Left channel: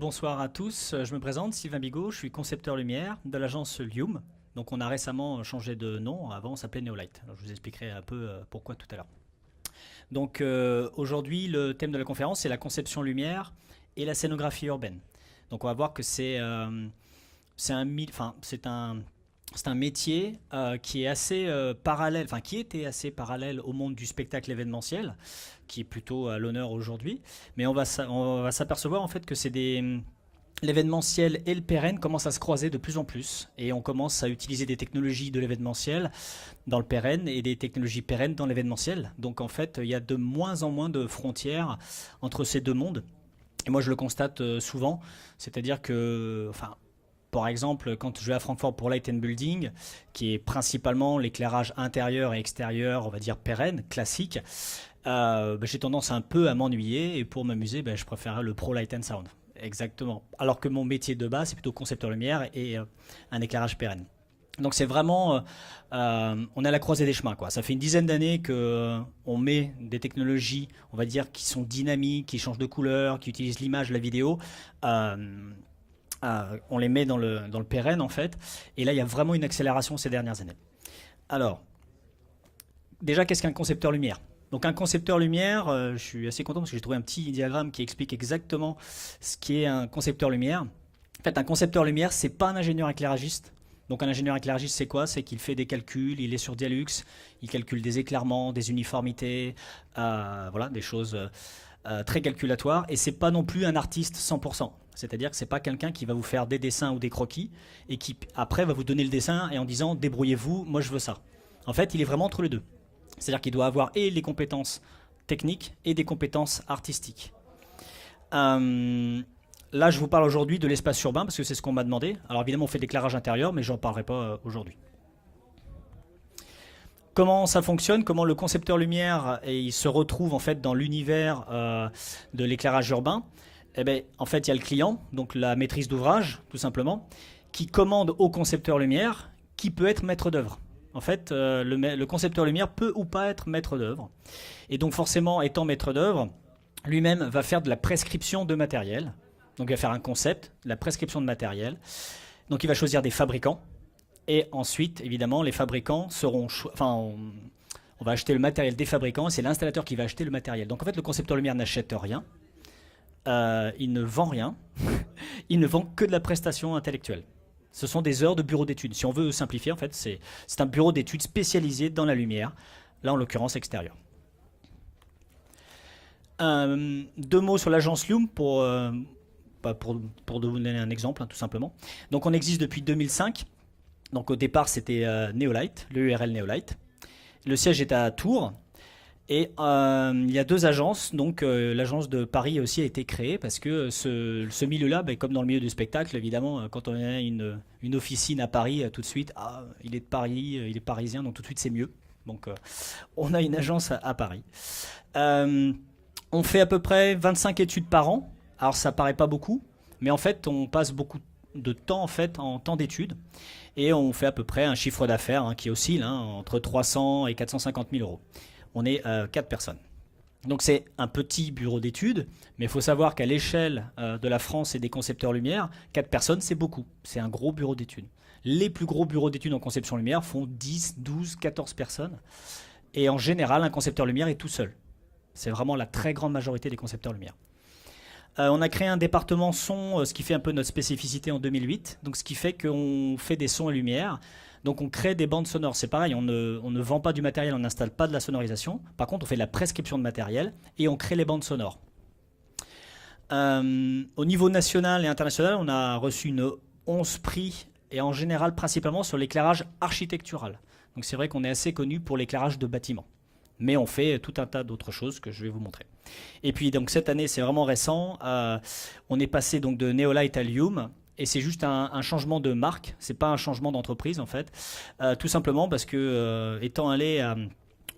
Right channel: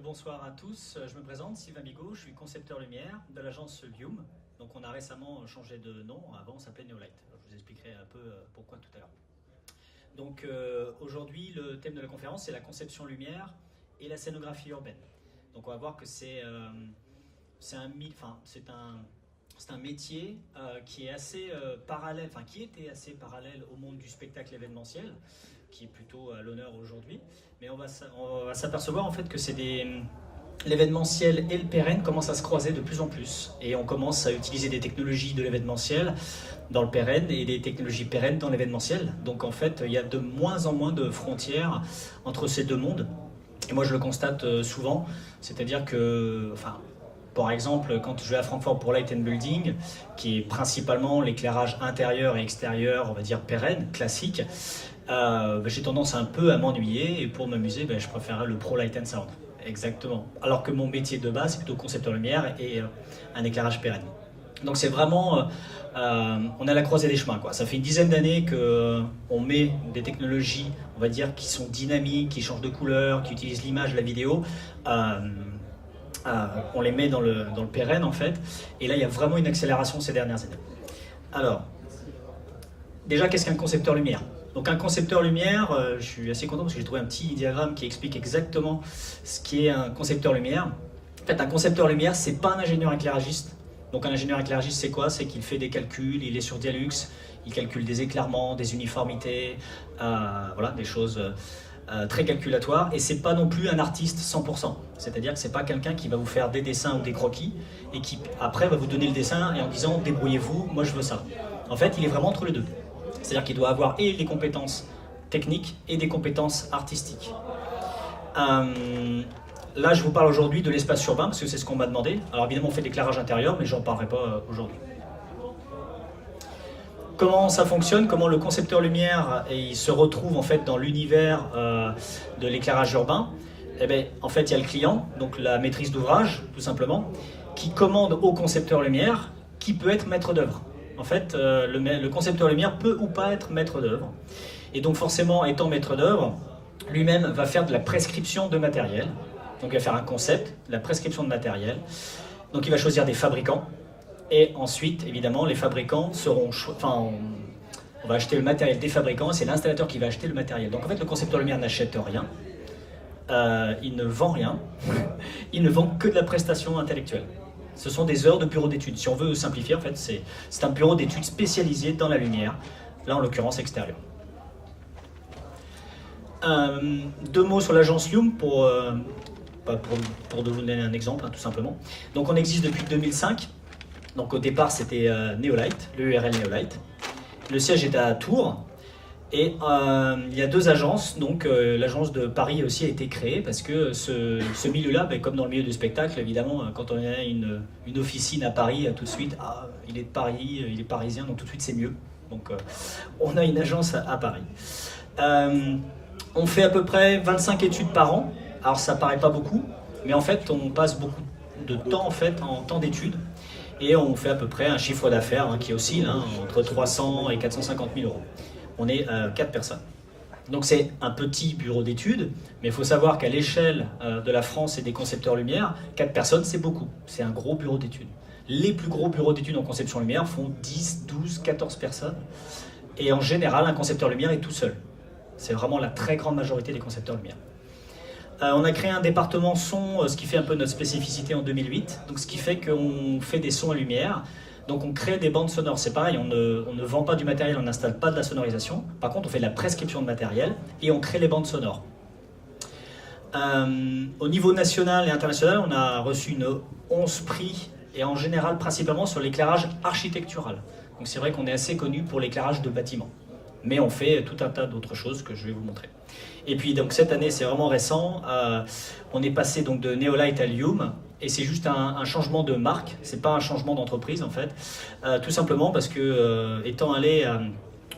Bonsoir à tous, je me présente, Sylvain Bigot, je suis concepteur lumière de l'agence Lume. Donc on a récemment changé de nom, avant on s'appelait Neolight. Alors, je vous expliquerai un peu pourquoi tout à l'heure. Aujourd'hui le thème de la conférence c'est la conception lumière et la scénographie urbaine. Donc on va voir que c'est un métier qui est assez parallèle, enfin qui était assez parallèle au monde du spectacle événementiel, qui est plutôt à l'honneur aujourd'hui. Mais on va s'apercevoir en fait que l'événementiel et le pérenne commencent à se croiser de plus en plus. Et on commence à utiliser des technologies de l'événementiel dans le pérenne et des technologies pérennes dans l'événementiel. Donc en fait, il y a de moins en moins de frontières entre ces deux mondes. Et moi je le constate souvent, c'est-à-dire que, enfin, par exemple, quand je vais à Francfort pour Light and Building, qui est principalement l'éclairage intérieur et extérieur, on va dire pérenne, classique, j'ai tendance un peu à m'ennuyer et pour m'amuser, je préfère le Pro Light and Sound. Exactement. Alors que mon métier de base, c'est plutôt concepteur lumière et un éclairage pérenne. Donc c'est vraiment, on est à la croisée des chemins, quoi. Ça fait une dizaine d'années qu'on met des technologies, on va dire, qui sont dynamiques, qui changent de couleur, qui utilisent l'image, la vidéo. On les met dans le pérenne en fait, et là il y a vraiment une accélération ces dernières années. Alors, déjà qu'est-ce qu'un concepteur lumière? Donc un concepteur lumière, je suis assez content parce que j'ai trouvé un petit diagramme qui explique exactement ce qu'est un concepteur lumière. En fait, un concepteur lumière, c'est pas un ingénieur éclairagiste. Donc un ingénieur éclairagiste, c'est quoi? C'est qu'il fait des calculs, il est sur Dialux, il calcule des éclairements, des uniformités, voilà, des choses très calculatoires. Et c'est pas non plus un artiste 100%. C'est-à-dire que c'est pas quelqu'un qui va vous faire des dessins ou des croquis et qui après va vous donner le dessin et en disant débrouillez-vous, moi je veux ça. En fait, il est vraiment entre les deux. C'est-à-dire qu'il doit avoir et des compétences techniques et des compétences artistiques. Là, je vous parle aujourd'hui de l'espace urbain, parce que c'est ce qu'on m'a demandé. Alors évidemment, on fait l'éclairage intérieur, mais je n'en parlerai pas aujourd'hui. Comment ça fonctionne? Comment le concepteur lumière il se retrouve en fait dans l'univers de l'éclairage urbain? Eh bien, en fait, il y a le client, donc la maîtrise d'ouvrage, tout simplement, qui commande au concepteur lumière, qui peut être maître d'œuvre. En fait, le concepteur lumière peut ou pas être maître d'œuvre. Et donc forcément, étant maître d'œuvre, lui-même va faire de la prescription de matériel. Donc il va faire un concept, de la prescription de matériel. Donc il va choisir des fabricants. Et ensuite, évidemment, les fabricants seront... on va acheter le matériel des fabricants, et c'est l'installateur qui va acheter le matériel. Donc en fait, le concepteur lumière n'achète rien. Il ne vend rien. Il ne vend que de la prestation intellectuelle. Ce sont des heures de bureau d'études. Si on veut simplifier, en fait, c'est un bureau d'études spécialisé dans la lumière, là en l'occurrence extérieure. Deux mots sur l'agence Lume pour donner un exemple, tout simplement. Donc on existe depuis 2005. Donc au départ c'était Neolight, l'URL Neolight. Le siège est à Tours. Et il y a deux agences, donc l'agence de Paris aussi a été créée parce que ce milieu-là, comme dans le milieu du spectacle, évidemment, quand on a une officine à Paris, tout de suite, il est de Paris, il est parisien, donc tout de suite c'est mieux. Donc on a une agence à Paris. On fait à peu près 25 études par an, alors ça paraît pas beaucoup, mais en fait on passe beaucoup de temps en temps d'études et on fait à peu près un chiffre d'affaires qui oscille entre 300 et 450 000 euros. On est 4 personnes. Donc c'est un petit bureau d'études, mais il faut savoir qu'à l'échelle de la France et des concepteurs lumière, 4 personnes c'est beaucoup, c'est un gros bureau d'études. Les plus gros bureaux d'études en conception lumière font 10, 12, 14 personnes, et en général un concepteur lumière est tout seul. C'est vraiment la très grande majorité des concepteurs lumière. On a créé un département son, ce qui fait un peu notre spécificité en 2008, donc ce qui fait qu'on fait des sons et lumière. Donc on crée des bandes sonores, c'est pareil, on ne vend pas du matériel, on n'installe pas de la sonorisation. Par contre, on fait de la prescription de matériel et on crée les bandes sonores. Au niveau national et international, on a reçu 11 prix, et en général principalement sur l'éclairage architectural. Donc c'est vrai qu'on est assez connu pour l'éclairage de bâtiments. Mais on fait tout un tas d'autres choses que je vais vous montrer. Et puis donc cette année, c'est vraiment récent, on est passé donc de Neolight à Lume. Et c'est juste un changement de marque, c'est pas un changement d'entreprise en fait, tout simplement parce que étant allé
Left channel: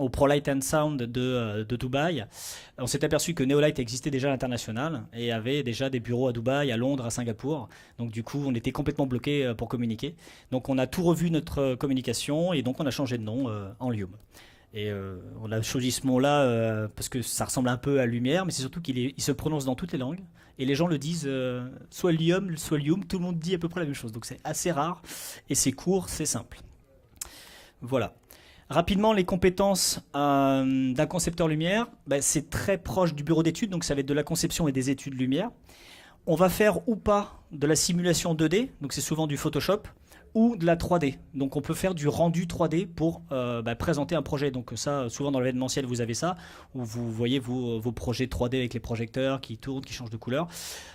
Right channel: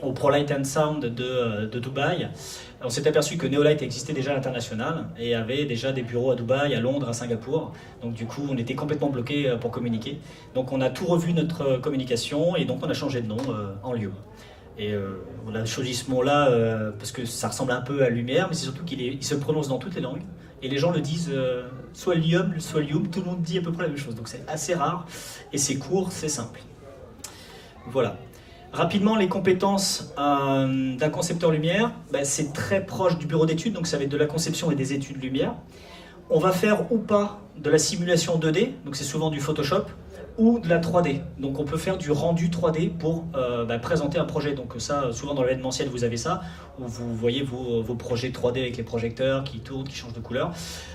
au Pro Light and Sound de Dubaï, on s'est aperçu que Neolight existait déjà à l'international et avait déjà des bureaux à Dubaï, à Londres, à Singapour. Donc du coup, on était complètement bloqué pour communiquer. Donc on a tout revu notre communication et donc on a changé de nom en Lume. Et on a choisi ce mot-là parce que ça ressemble un peu à lumière, mais c'est surtout qu'il se prononce dans toutes les langues. et les gens le disent soit Lium, soit Lium, tout le monde dit à peu près la même chose. Donc c'est assez rare, et c'est court, c'est simple. Voilà. Rapidement, les compétences d'un concepteur lumière, c'est très proche du bureau d'études, donc ça va être de la conception et des études lumière. On va faire ou pas de la simulation 2D, donc c'est souvent du Photoshop, ou de la 3D. Donc on peut faire du rendu 3D pour présenter un projet. Donc ça, souvent dans l'événementiel, vous avez ça, où vous voyez vos projets 3D avec les projecteurs qui tournent, qui changent de couleur.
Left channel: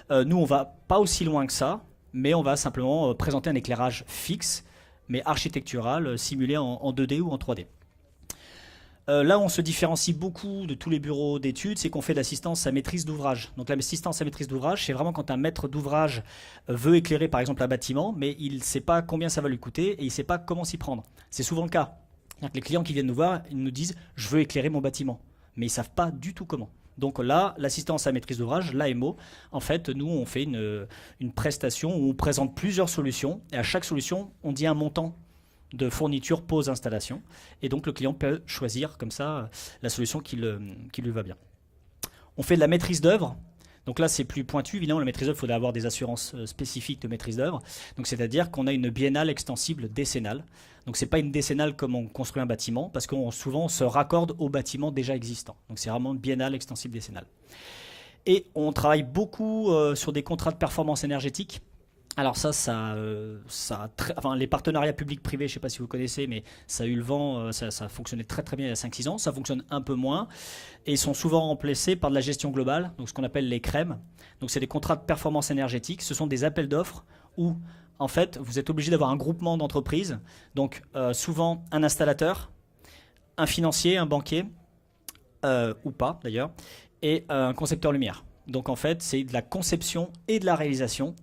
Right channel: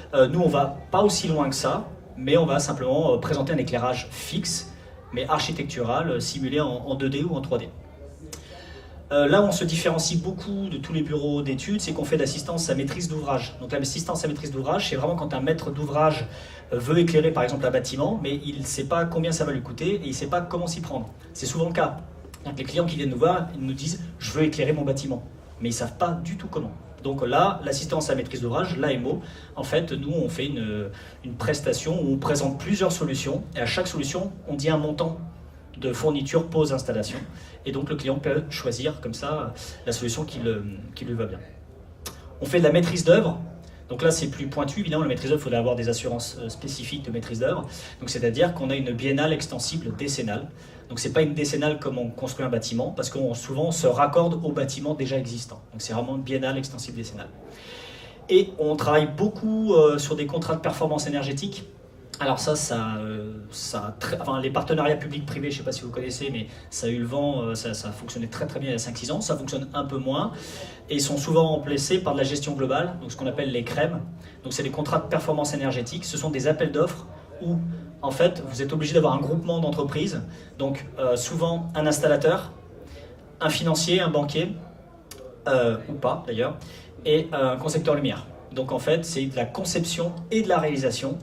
Nous, on va pas aussi loin que ça, mais on va simplement présenter un éclairage fixe, mais architectural, simulé en 2D ou en 3D. Là, on se différencie beaucoup de tous les bureaux d'études, c'est qu'on fait l'assistance à maîtrise d'ouvrage. Donc l'assistance à maîtrise d'ouvrage, c'est vraiment quand un maître d'ouvrage veut éclairer par exemple un bâtiment, mais il ne sait pas combien ça va lui coûter et il ne sait pas comment s'y prendre. C'est souvent le cas. Les clients qui viennent nous voir, ils nous disent « je veux éclairer mon bâtiment », mais ils ne savent pas du tout comment. Donc là, l'assistance à maîtrise d'ouvrage, l'AMO, en fait, nous, on fait une prestation où on présente plusieurs solutions, et à chaque solution, on dit un montant de fourniture pose-installation. Et donc le client peut choisir comme ça la solution qui lui va bien. On fait de la maîtrise d'œuvre. Donc là, c'est plus pointu. Évidemment, la maîtrise d'œuvre, il faudrait avoir des assurances spécifiques de maîtrise d'œuvre. Donc c'est-à-dire qu'on a une biennale extensible décennale. Donc c'est pas une décennale comme on construit un bâtiment, parce qu'on souvent se raccorde au bâtiment déjà existant. Donc c'est vraiment une biennale extensible décennale. Et on travaille beaucoup sur des contrats de performance énergétique. Alors les partenariats publics-privés, je ne sais pas si vous connaissez, mais ça a eu le vent, ça a fonctionné très très bien il y a 5-6 ans, ça fonctionne un peu moins, et ils sont souvent remplacés par de la gestion globale, donc ce qu'on appelle les CREM. Donc c'est les contrats de performance énergétique, ce sont des appels d'offres où en fait vous êtes obligé d'avoir un groupement d'entreprises, donc souvent un installateur, un financier, un banquier, ou pas d'ailleurs, et un concepteur lumière. Donc en fait c'est de la conception et de la réalisation,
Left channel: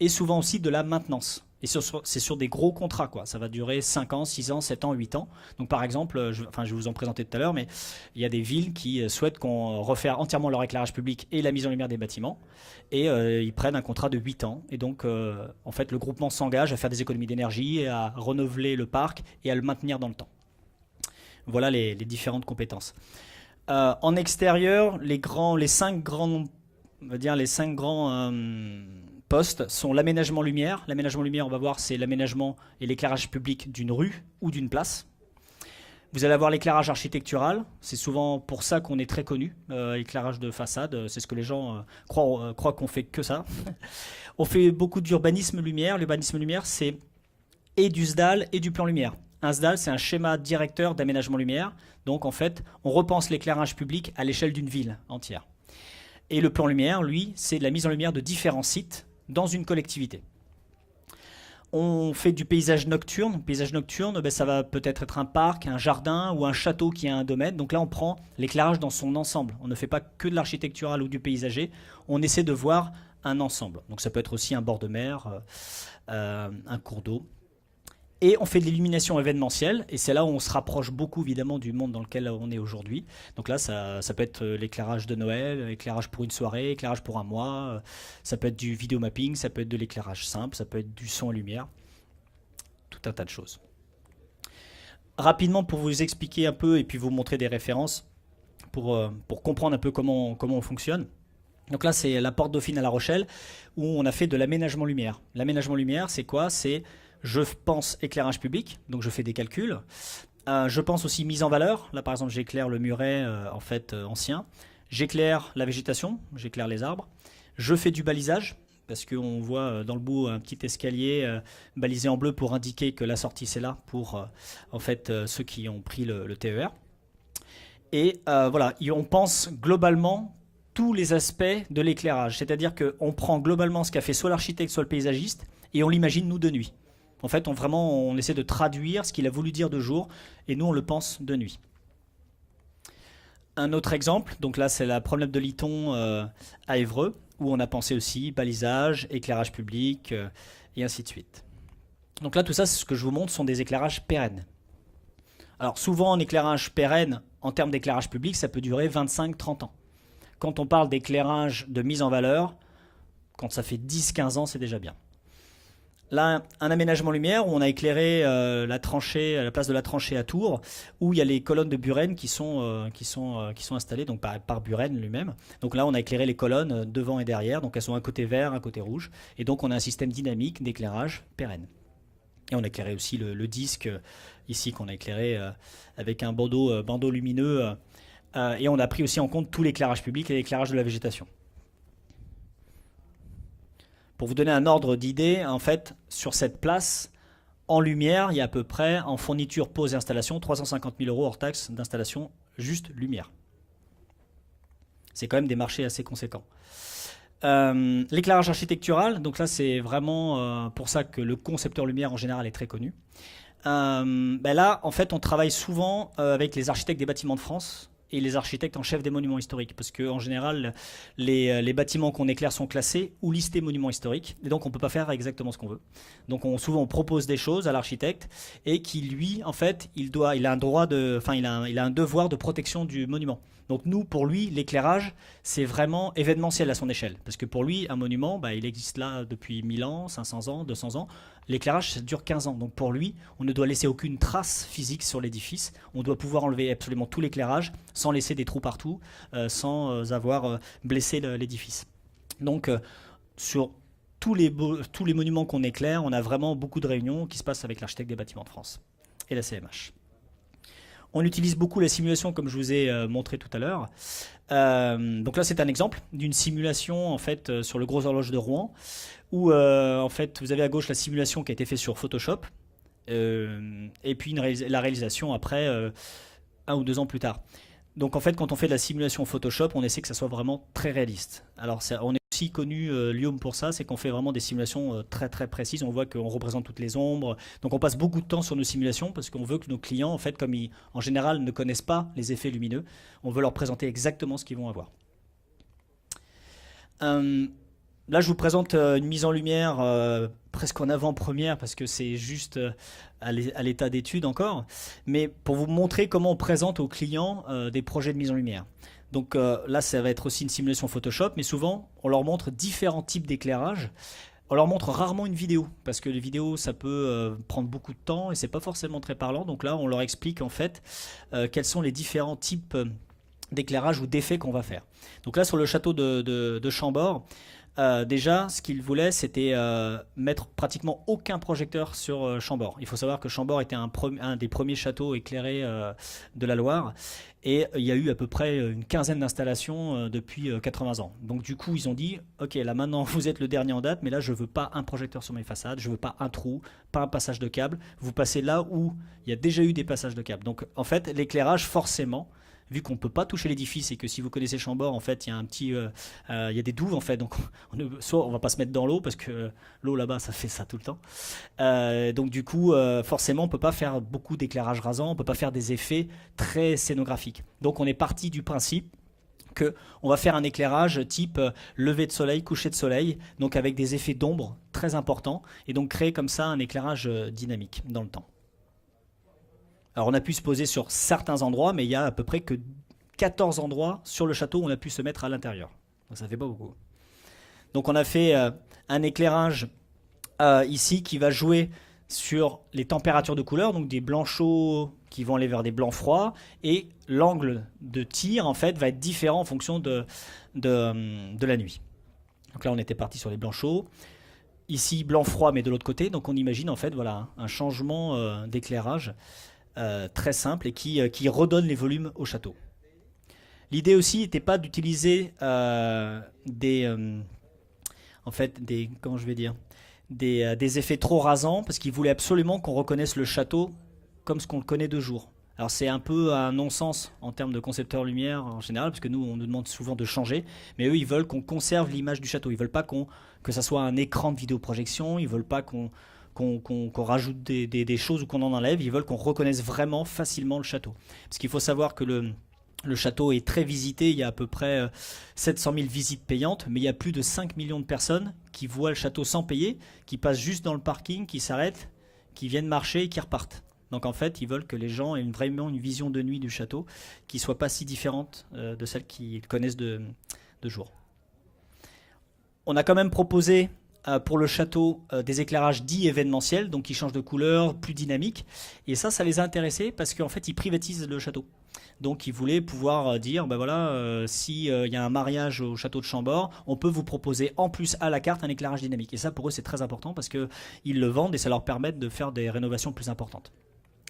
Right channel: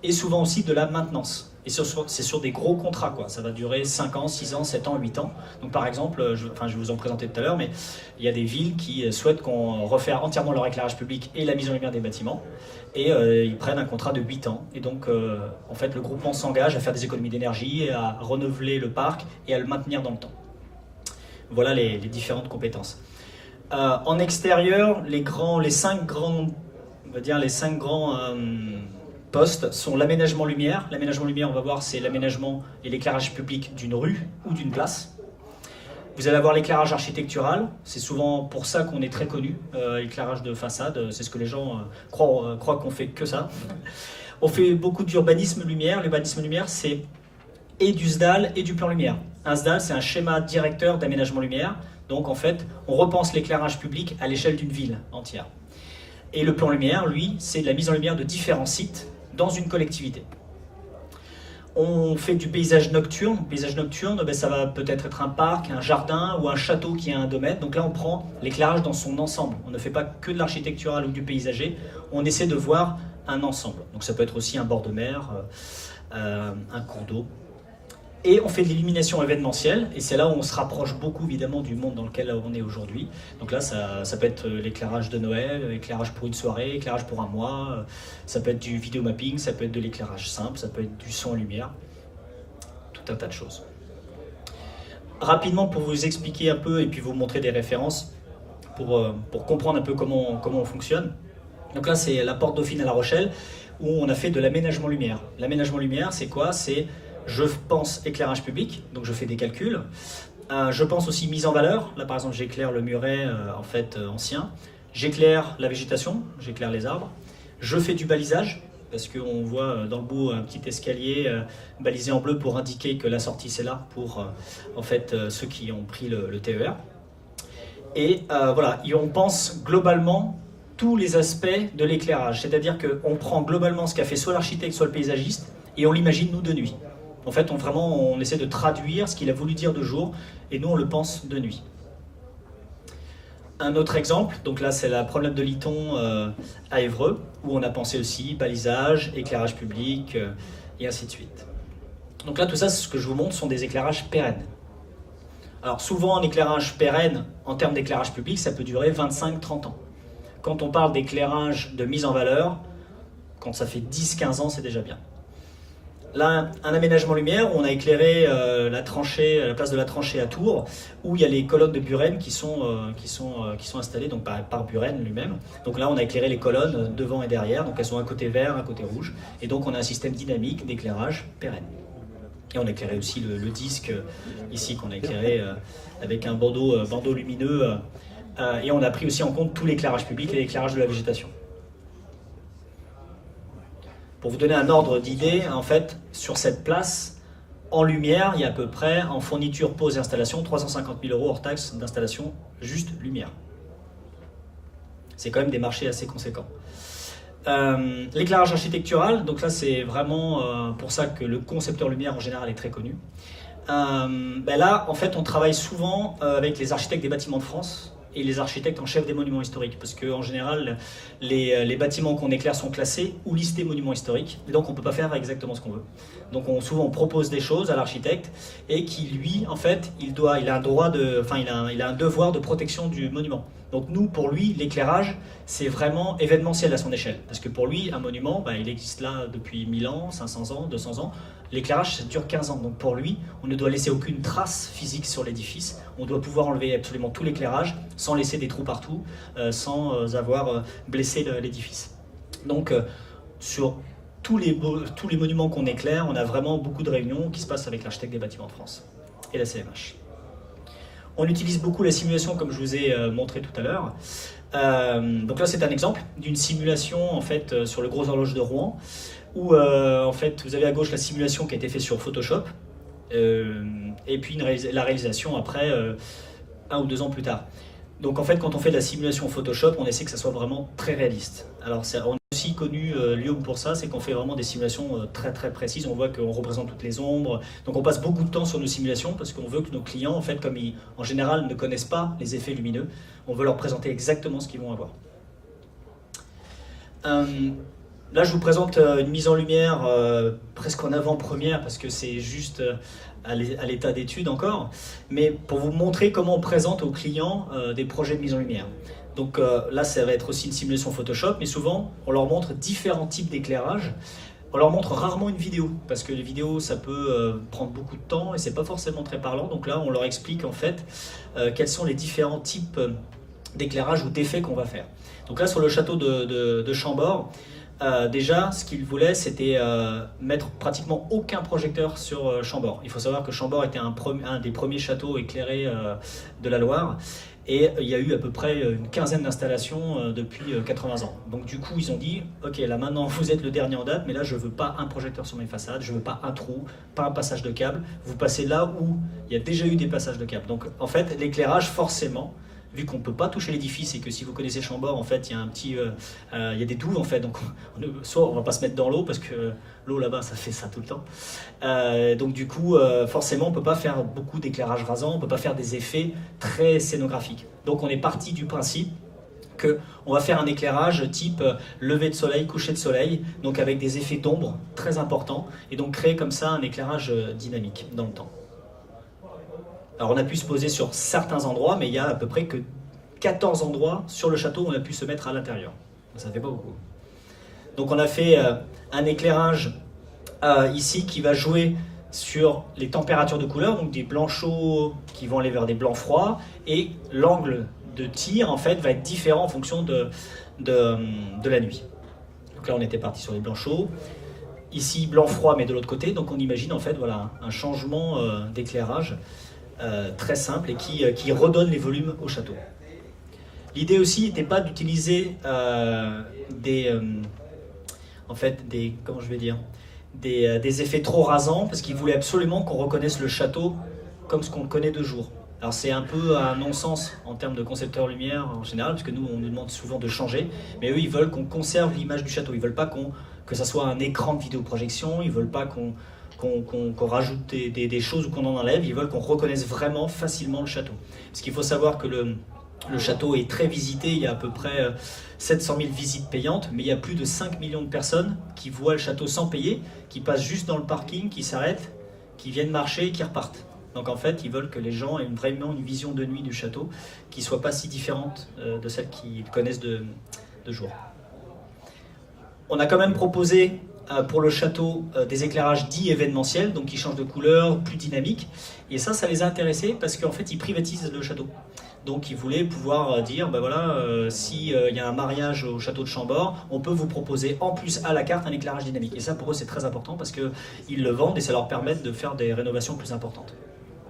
et souvent aussi de la maintenance. Et c'est sur des gros contrats, quoi. Ça va durer 5 ans, 6 ans, 7 ans, 8 ans. Donc par exemple, je vais vous en présenter tout à l'heure, mais il y a des villes qui souhaitent qu'on refaire entièrement leur éclairage public et la mise en lumière des bâtiments. Et ils prennent un contrat de 8 ans. Et donc en fait le groupement s'engage à faire des économies d'énergie, à renouveler le parc et à le maintenir dans le temps. Voilà les différentes compétences. En extérieur, les 5 grands postes sont l'aménagement lumière. L'aménagement lumière, on va voir, c'est l'aménagement et l'éclairage public d'une rue ou d'une place. Vous allez avoir l'éclairage architectural, c'est souvent pour ça qu'on est très connu, éclairage de façade, c'est ce que les gens croient qu'on fait que ça. On fait beaucoup d'urbanisme lumière. L'urbanisme lumière, c'est et du SDAL et du plan lumière. Un SDAL, c'est un schéma directeur d'aménagement lumière. Donc en fait, on repense l'éclairage public à l'échelle d'une ville entière. Et le plan lumière, lui, c'est la mise en lumière de différents sites dans une collectivité. On fait du paysage nocturne. Paysage nocturne, ça va peut-être être un parc, un jardin ou un château qui a un domaine. Donc là, on prend l'éclairage dans son ensemble. On ne fait pas que de l'architectural ou du paysager. On essaie de voir un ensemble. Donc ça peut être aussi un bord de mer, un cours d'eau. Et on fait de l'illumination événementielle, et c'est là où on se rapproche beaucoup évidemment du monde dans lequel on est aujourd'hui. Donc là, ça peut être l'éclairage de Noël, l'éclairage pour une soirée, l'éclairage pour un mois, ça peut être du vidéomapping, ça peut être de l'éclairage simple, ça peut être du son lumière, tout un tas de choses. Rapidement, pour vous expliquer un peu et puis vous montrer des références, pour comprendre un peu comment on fonctionne. Donc là, c'est la porte Dauphine à La Rochelle, où on a fait de l'aménagement lumière. L'aménagement lumière, c'est quoi ? C'est je pense éclairage public, donc je fais des calculs. Je pense aussi mise en valeur. Là, par exemple, j'éclaire le muret ancien. J'éclaire la végétation, j'éclaire les arbres. Je fais du balisage, parce qu'on voit dans le bout un petit escalier balisé en bleu pour indiquer que la sortie c'est là pour ceux qui ont pris le TER. Et voilà, et on pense globalement tous les aspects de l'éclairage. C'est-à-dire qu'on prend globalement ce qu'a fait soit l'architecte, soit le paysagiste, et on l'imagine nous de nuit. En fait, on essaie de traduire ce qu'il a voulu dire de jour, et nous on le pense de nuit. Un autre exemple, donc là c'est la promenade de Liton à Évreux, où on a pensé aussi balisage, éclairage public, et ainsi de suite. Donc là tout ça, ce que je vous montre, sont des éclairages pérennes. Alors souvent un éclairage pérenne, en termes d'éclairage public, ça peut durer 25-30 ans. Quand on parle d'éclairage de mise en valeur, quand ça fait 10-15 ans, c'est déjà bien. Là, un aménagement lumière où on a éclairé la place de la tranchée à Tours, où il y a les colonnes de Buren qui sont installées donc par Buren lui-même. Donc là, on a éclairé les colonnes devant et derrière, donc elles sont un côté vert, un côté rouge. Et donc on a un système dynamique d'éclairage pérenne. Et on a éclairé aussi le disque ici, qu'on a éclairé avec un bandeau lumineux. Et on a pris aussi en compte tout l'éclairage public et l'éclairage de la végétation. Pour vous donner un ordre d'idée, en fait, sur cette place, en lumière, il y a à peu près, en fourniture, pose et installation, 350 000 € hors taxe d'installation, juste lumière. C'est quand même des marchés assez conséquents. L'éclairage architectural, donc là c'est vraiment pour ça que le concepteur lumière en général est très connu. Là, en fait, on travaille souvent avec les architectes des bâtiments de France et les architectes en chef des monuments historiques, parce qu'en général, les bâtiments qu'on éclaire sont classés ou listés monuments historiques, et donc on ne peut pas faire exactement ce qu'on veut. Donc souvent on propose des choses à l'architecte, et qui lui, en fait, il a un devoir de protection du monument. Donc nous, pour lui, l'éclairage, c'est vraiment événementiel à son échelle, parce que pour lui, un monument, il existe là depuis 1000 ans, 500 ans, 200 ans. L'éclairage, ça dure 15 ans. Donc pour lui, on ne doit laisser aucune trace physique sur l'édifice. On doit pouvoir enlever absolument tout l'éclairage sans laisser des trous partout, sans avoir blessé l'édifice. Donc sur tous les monuments qu'on éclaire, on a vraiment beaucoup de réunions qui se passent avec l'architecte des bâtiments de France et la CMH. On utilise beaucoup la simulation, comme je vous ai montré tout à l'heure. Donc là, c'est un exemple d'une simulation en fait sur le gros horloge de Rouen, où en fait vous avez à gauche la simulation qui a été faite sur Photoshop, et puis la réalisation après 1 ou 2 ans plus tard. Donc en fait, quand on fait de la simulation Photoshop, on essaie que ça soit vraiment très réaliste. Alors on est aussi connu Lyon pour ça, c'est qu'on fait vraiment des simulations très très précises. On voit qu'on représente toutes les ombres. Donc on passe beaucoup de temps sur nos simulations parce qu'on veut que nos clients, en fait, comme ils en général ne connaissent pas les effets lumineux, on veut leur présenter exactement ce qu'ils vont avoir. Là, je vous présente une mise en lumière presque en avant-première parce que c'est juste à l'état d'étude encore, mais pour vous montrer comment on présente aux clients des projets de mise en lumière. Donc là, ça va être aussi une simulation Photoshop, mais souvent, on leur montre différents types d'éclairage. On leur montre rarement une vidéo, parce que les vidéos, ça peut prendre beaucoup de temps et c'est pas forcément très parlant. Donc là, on leur explique en fait quels sont les différents types d'éclairage ou d'effets qu'on va faire. Donc là, sur le château de Chambord, déjà, ce qu'ils voulaient, c'était mettre pratiquement aucun projecteur sur Chambord. Il faut savoir que Chambord était un des premiers châteaux éclairés de la Loire, et il y a eu à peu près une quinzaine d'installations depuis 80 ans. Donc du coup, ils ont dit, ok, là maintenant vous êtes le dernier en date, mais là je veux pas un projecteur sur mes façades, je veux pas un trou, pas un passage de câble. Vous passez là où il y a déjà eu des passages de câble. Donc en fait, l'éclairage, forcément, vu qu'on ne peut pas toucher l'édifice et que si vous connaissez Chambord, en fait, il y a il y a des douves en fait. Donc, soit on va pas se mettre dans l'eau parce que l'eau là-bas, ça fait ça tout le temps. Donc du coup, forcément, on peut pas faire beaucoup d'éclairage rasant, on peut pas faire des effets très scénographiques. Donc on est parti du principe qu'on va faire un éclairage type lever de soleil, coucher de soleil, donc avec des effets d'ombre très importants, et donc créer comme ça un éclairage dynamique dans le temps. Alors on a pu se poser sur certains endroits, mais il y a à peu près que 14 endroits sur le château où on a pu se mettre à l'intérieur. Ça fait pas beaucoup. Donc on a fait un éclairage ici qui va jouer sur les températures de couleur, donc des blancs chauds qui vont aller vers des blancs froids, et l'angle de tir en fait va être différent en fonction de la nuit. Donc là on était parti sur les blancs chauds. Ici blanc froid mais de l'autre côté, donc on imagine en fait voilà, un changement d'éclairage très simple et qui redonne les volumes au château. L'idée aussi n'était pas d'utiliser des effets trop rasants, parce qu'ils voulaient absolument qu'on reconnaisse le château comme ce qu'on connaît de jour. Alors c'est un peu un non-sens en termes de concepteurs lumière en général, parce que nous on nous demande souvent de changer, mais eux ils veulent qu'on conserve l'image du château, ils veulent pas que ça soit un écran de vidéoprojection, ils veulent pas qu'on rajoute des choses ou qu'on en enlève, ils veulent qu'on reconnaisse vraiment facilement le château. Parce qu'il faut savoir que le château est très visité, il y a à peu près 700 000 visites payantes, mais il y a plus de 5 millions de personnes qui voient le château sans payer, qui passent juste dans le parking, qui s'arrêtent, qui viennent marcher et qui repartent. Donc en fait, ils veulent que les gens aient vraiment une vision de nuit du château qui ne soit pas si différente de celle qu'ils connaissent de jour. On a quand même proposé pour le château des éclairages dits événementiels, donc qui changent de couleur, plus dynamiques. Et ça les a intéressés parce qu'en fait, ils privatisent le château. Donc ils voulaient pouvoir dire, ben voilà, s'il y a un mariage au château de Chambord, on peut vous proposer en plus à la carte un éclairage dynamique. Et ça, pour eux, c'est très important parce qu'ils le vendent et ça leur permet de faire des rénovations plus importantes.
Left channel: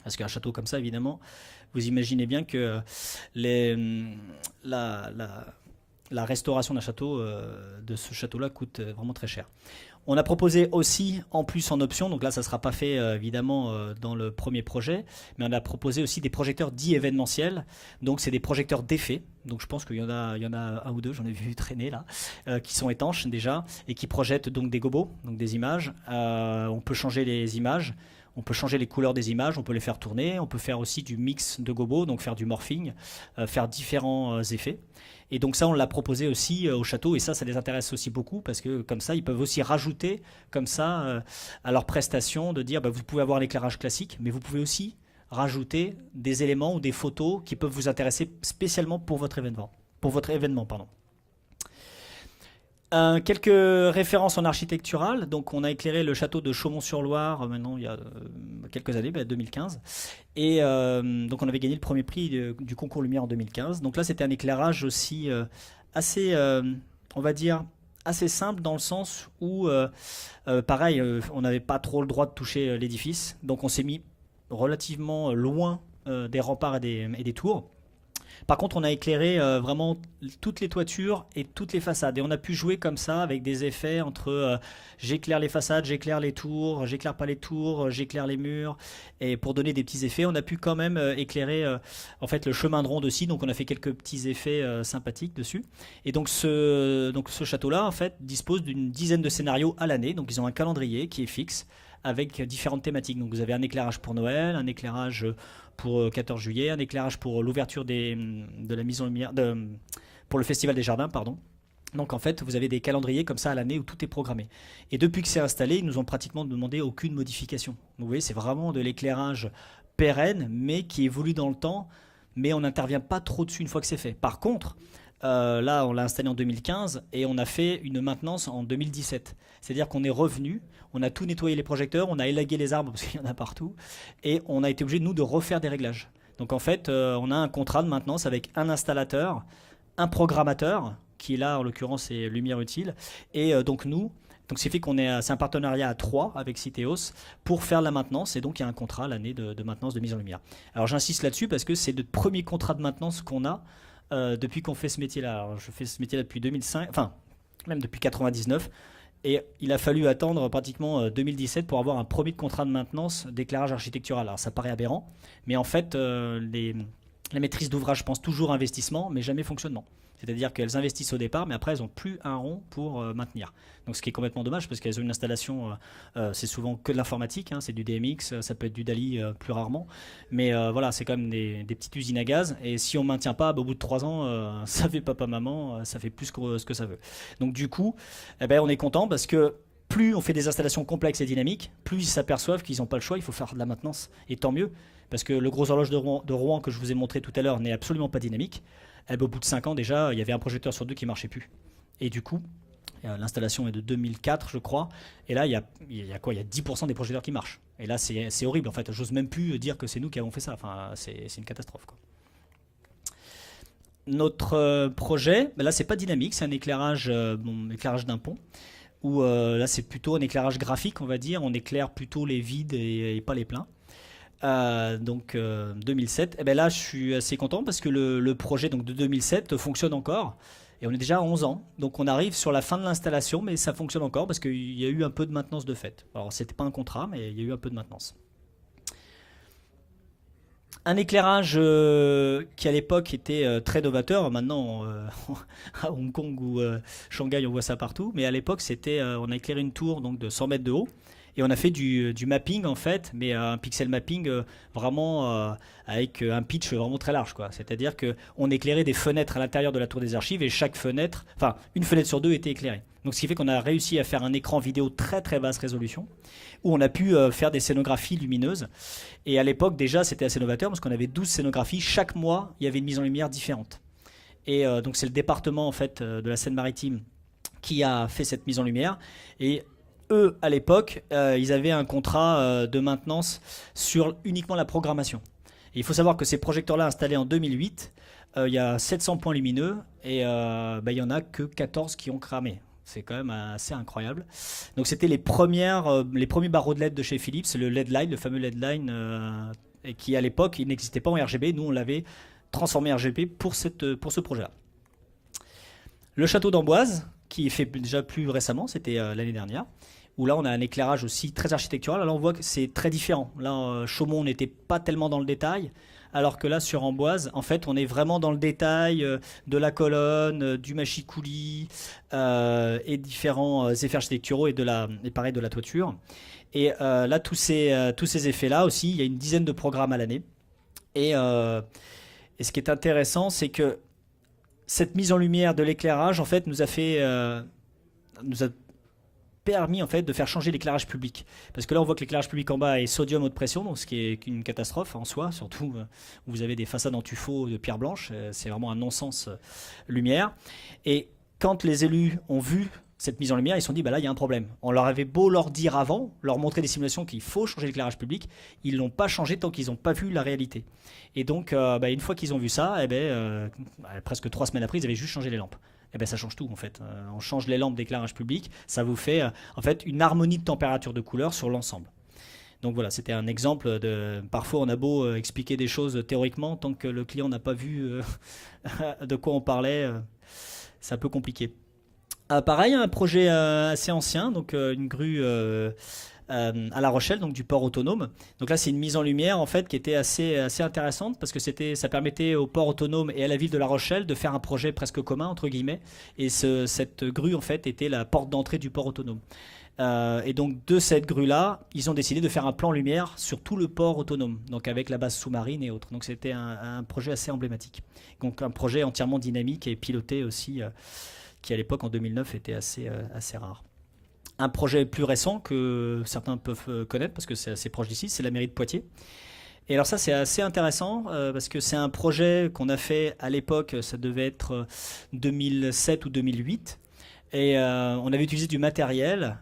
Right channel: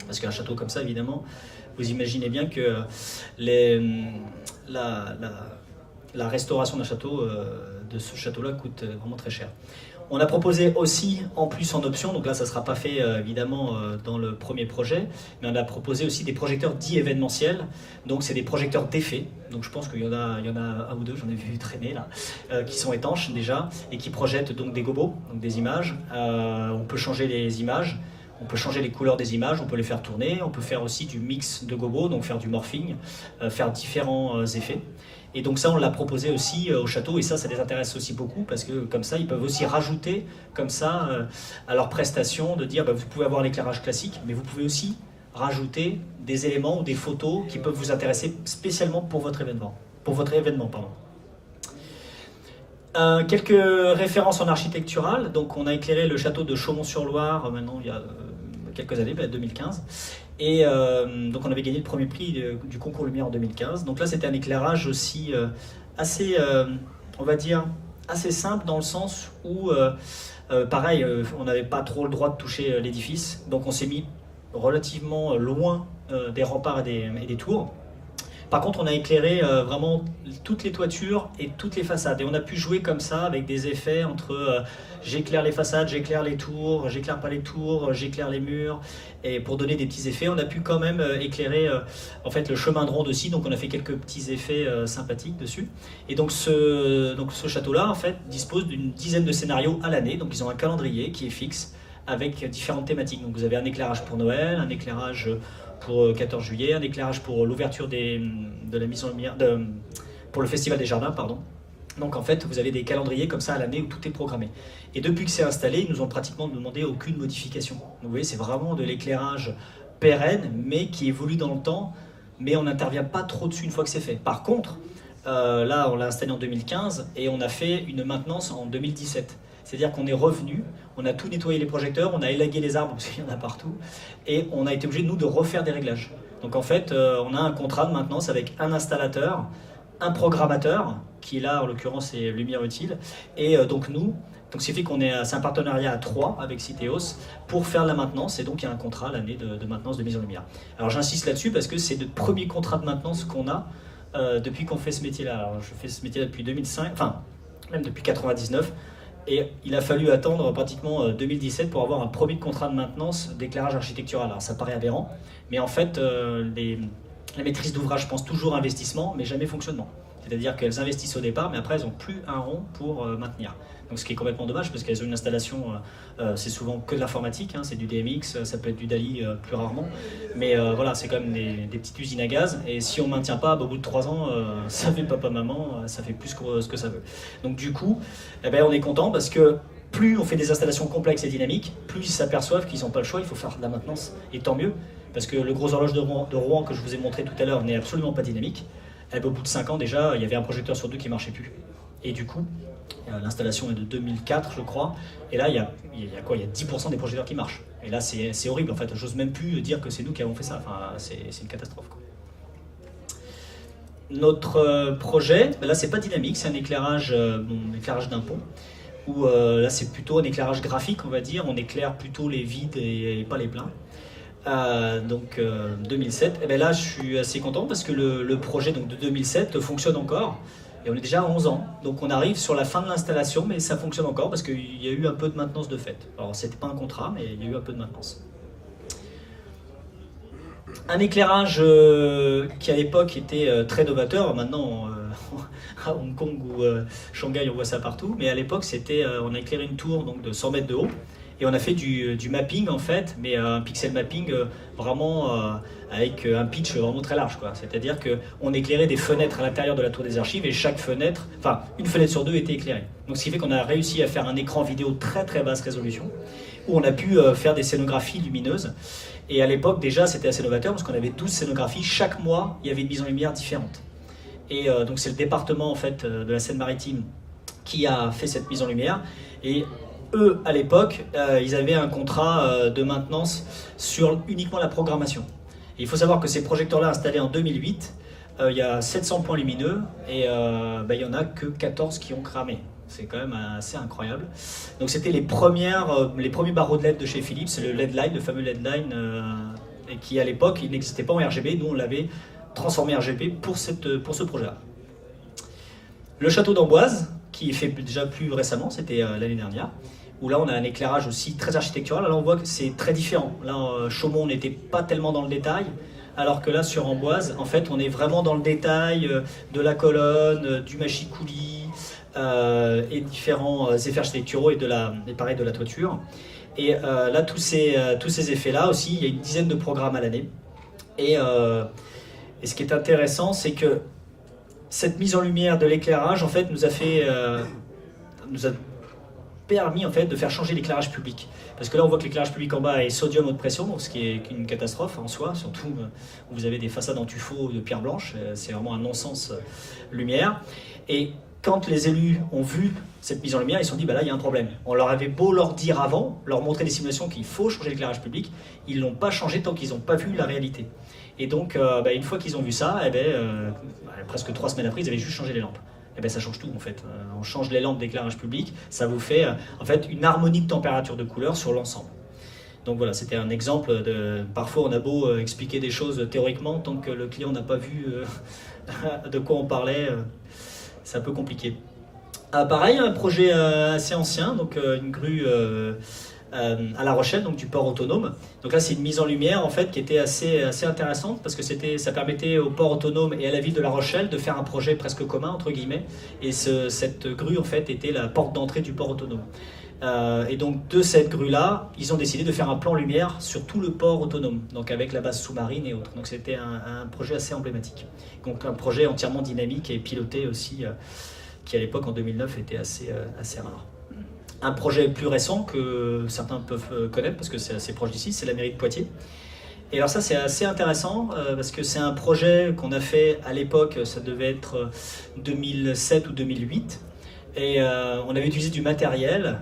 Parce qu'un château comme ça, évidemment, vous imaginez bien que la restauration d'un château, de ce château-là, coûte vraiment très cher. On a proposé aussi, en plus en option, donc là ça ne sera pas fait évidemment dans le premier projet, mais on a proposé aussi des projecteurs dits événementiels, donc c'est des projecteurs d'effet, donc je pense qu'il y en a un ou deux, j'en ai vu traîner là, qui sont étanches déjà, et qui projettent donc des gobos, donc des images. On peut changer les images, on peut changer les couleurs des images, on peut les faire tourner, on peut faire aussi du mix de gobos, donc faire du morphing, faire différents effets. Et donc ça, on l'a proposé aussi au château, et ça les intéresse aussi beaucoup, parce que comme ça, ils peuvent aussi rajouter, comme ça, à leur prestation, de dire, bah, vous pouvez avoir l'éclairage classique, mais vous pouvez aussi rajouter des éléments ou des photos qui peuvent vous intéresser spécialement pour votre événement. Quelques références en architectural. Donc on a éclairé le château de Chaumont-sur-Loire, maintenant il y a quelques années, 2015. Et donc on avait gagné le premier prix du concours Lumière en 2015. Donc là c'était un éclairage aussi assez, on va dire, assez simple dans le sens où, pareil, on n'avait pas trop le droit de toucher l'édifice. Donc on s'est mis relativement loin des remparts et des tours. Par contre, on a éclairé vraiment toutes les toitures et toutes les façades. Et on a pu jouer comme ça avec des effets entre j'éclaire les façades, j'éclaire les tours, j'éclaire pas les tours, j'éclaire les murs. Et pour donner des petits effets, on a pu quand même éclairer en fait, le chemin de ronde aussi. Donc on a fait quelques petits effets sympathiques dessus. Et donc ce château-là, en fait, dispose d'une dizaine de scénarios à l'année. Donc ils ont un calendrier qui est fixe avec différentes thématiques. Donc vous avez un éclairage pour Noël, un éclairage pour 14 juillet, un éclairage pour l'ouverture de la mise en lumière, pour le Festival des Jardins, pardon. Donc en fait, vous avez des calendriers comme ça à l'année où tout est programmé. Et depuis que c'est installé, ils nous ont pratiquement demandé aucune modification. Donc, vous voyez, c'est vraiment de l'éclairage pérenne, mais qui évolue dans le temps, mais on n'intervient pas trop dessus une fois que c'est fait. Par contre, là, on l'a installé en 2015 et on a fait une maintenance en 2017. C'est-à-dire qu'on est revenu, on a tout nettoyé les projecteurs, on a élagué les arbres, parce qu'il y en a partout, et on a été obligé, nous, de refaire des réglages. Donc en fait, on a un contrat de maintenance avec un installateur, un programmateur, qui est là, en l'occurrence, c'est Lumière Utile, et donc nous, donc c'est fait qu'on est, c'est un partenariat à 3 avec Citeos pour faire la maintenance, et donc il y a un contrat l'année de maintenance de mise en lumière. Alors j'insiste là-dessus parce que c'est le premier contrat de maintenance qu'on a depuis qu'on fait ce métier-là. Alors, je fais ce métier-là depuis 2005, enfin, même depuis 99. Et il a fallu attendre pratiquement 2017 pour avoir un premier contrat de maintenance d'éclairage architectural. Alors ça paraît aberrant, mais en fait, la maîtrise d'ouvrage pense toujours investissement, mais jamais fonctionnement. C'est-à-dire qu'elles investissent au départ, mais après elles n'ont plus un rond pour maintenir. Donc ce qui est complètement dommage, parce qu'elles ont une installation, c'est souvent que de l'informatique, hein, c'est du DMX, ça peut être du DALI plus rarement, mais voilà, c'est quand même des petites usines à gaz, et si on ne maintient pas, au bout de 3 ans, ça fait papa-maman, ça fait plus que ce que ça veut. Donc du coup, eh ben, on est content, parce que plus on fait des installations complexes et dynamiques, plus ils s'aperçoivent qu'ils n'ont pas le choix, il faut faire de la maintenance, et tant mieux, parce que le gros horloge de Rouen que je vous ai montré tout à l'heure n'est absolument pas dynamique. Au bout de 5 ans déjà, il y avait un projecteur sur 2 qui ne marchait plus. Et du coup, l'installation est de 2004 je crois, et là il y a quoi, il y a 10% des projecteurs qui marchent. Et là c'est horrible en fait, j'ose même plus dire que c'est nous qui avons fait ça, enfin, c'est une catastrophe. Quoi. Notre projet, là c'est pas dynamique, c'est un éclairage d'un pont, où là c'est plutôt un éclairage graphique on va dire, on éclaire plutôt les vides et pas les pleins. Donc 2007, et bien là je suis assez content parce que le projet donc, de 2007 fonctionne encore et on est déjà à 11 ans, donc on arrive sur la fin de l'installation mais ça fonctionne encore parce qu'il y a eu un peu de maintenance de fait. Alors c'était pas un contrat mais il y a eu un peu de maintenance. Un éclairage qui à l'époque était très novateur, maintenant à Hong Kong ou Shanghai on voit ça partout, mais à l'époque c'était on a éclairé une tour donc, de 100 mètres de haut. Et on a fait du mapping en fait, mais un pixel mapping vraiment avec un pitch vraiment très large. C'est-à-dire qu'on éclairait des fenêtres à l'intérieur de la tour des archives et chaque fenêtre, enfin une fenêtre sur 2 était éclairée. Donc ce qui fait qu'on a réussi à faire un écran vidéo très très basse résolution, où on a pu faire des scénographies lumineuses. Et à l'époque déjà c'était assez novateur parce qu'on avait 12 scénographies, chaque mois il y avait une mise en lumière différente. Et donc c'est le département en fait, de la Seine-Maritime qui a fait cette mise en lumière. Et eux, à l'époque, ils avaient un contrat de maintenance sur uniquement la programmation. Et il faut savoir que ces projecteurs-là, installés en 2008, il y a 700 points lumineux et il n'y en a que 14 qui ont cramé. C'est quand même assez incroyable. Donc c'était les premiers barreaux de LED de chez Philips, le LED Line, le fameux LED Line, et qui à l'époque il n'existait pas en RGB, nous on l'avait transformé en RGB pour ce projet-là. Le château d'Amboise, qui est fait déjà plus récemment, c'était l'année dernière, où là on a un éclairage aussi très architectural. Là on voit que c'est très différent. Là Chaumont n'était pas tellement dans le détail, alors que là sur Amboise, en fait on est vraiment dans le détail de la colonne, du machicoulis, et différents effets architecturaux et pareil de la toiture. Et là, tous ces effets-là aussi, il y a une dizaine de programmes à l'année. Et ce qui est intéressant, c'est que cette mise en lumière de l'éclairage, en fait, nous a permis en fait, de faire changer l'éclairage public. Parce que là, on voit que l'éclairage public en bas est sodium haute pression, ce qui est une catastrophe en soi. Surtout, vous avez des façades en tuffeau de pierre blanche, c'est vraiment un non-sens lumière. Et quand les élus ont vu cette mise en lumière, ils se sont dit, bah là, il y a un problème. On leur avait beau leur dire avant, leur montrer des simulations qu'il faut changer l'éclairage public, ils ne l'ont pas changé tant qu'ils n'ont pas vu la réalité. Et donc, une fois qu'ils ont vu ça, presque 3 semaines après, ils avaient juste changé les lampes. Et ça change tout, en fait. On change les lampes d'éclairage public, ça vous fait en fait, une harmonie de température de couleur sur l'ensemble. Donc voilà, c'était un exemple de... Parfois, on a beau expliquer des choses théoriquement, tant que le client n'a pas vu de quoi on parlait... c'est un peu compliqué. Pareil, un projet assez ancien, donc une grue à La Rochelle, donc du port autonome. Donc là, c'est une mise en lumière en fait qui était assez intéressante parce que ça permettait au port autonome et à la ville de La Rochelle de faire un projet presque commun entre guillemets. Et cette grue en fait était la porte d'entrée du port autonome. Et donc de cette grue-là, ils ont décidé de faire un plan lumière sur tout le port autonome, donc avec la base sous-marine et autres. Donc c'était un projet assez emblématique. Donc un projet entièrement dynamique et piloté aussi, qui à l'époque en 2009 était assez rare. Un projet plus récent que certains peuvent connaître parce que c'est assez proche d'ici, c'est la mairie de Poitiers. Et alors ça c'est assez intéressant parce que c'est un projet qu'on a fait à l'époque, ça devait être 2007 ou 2008. Et on avait utilisé du matériel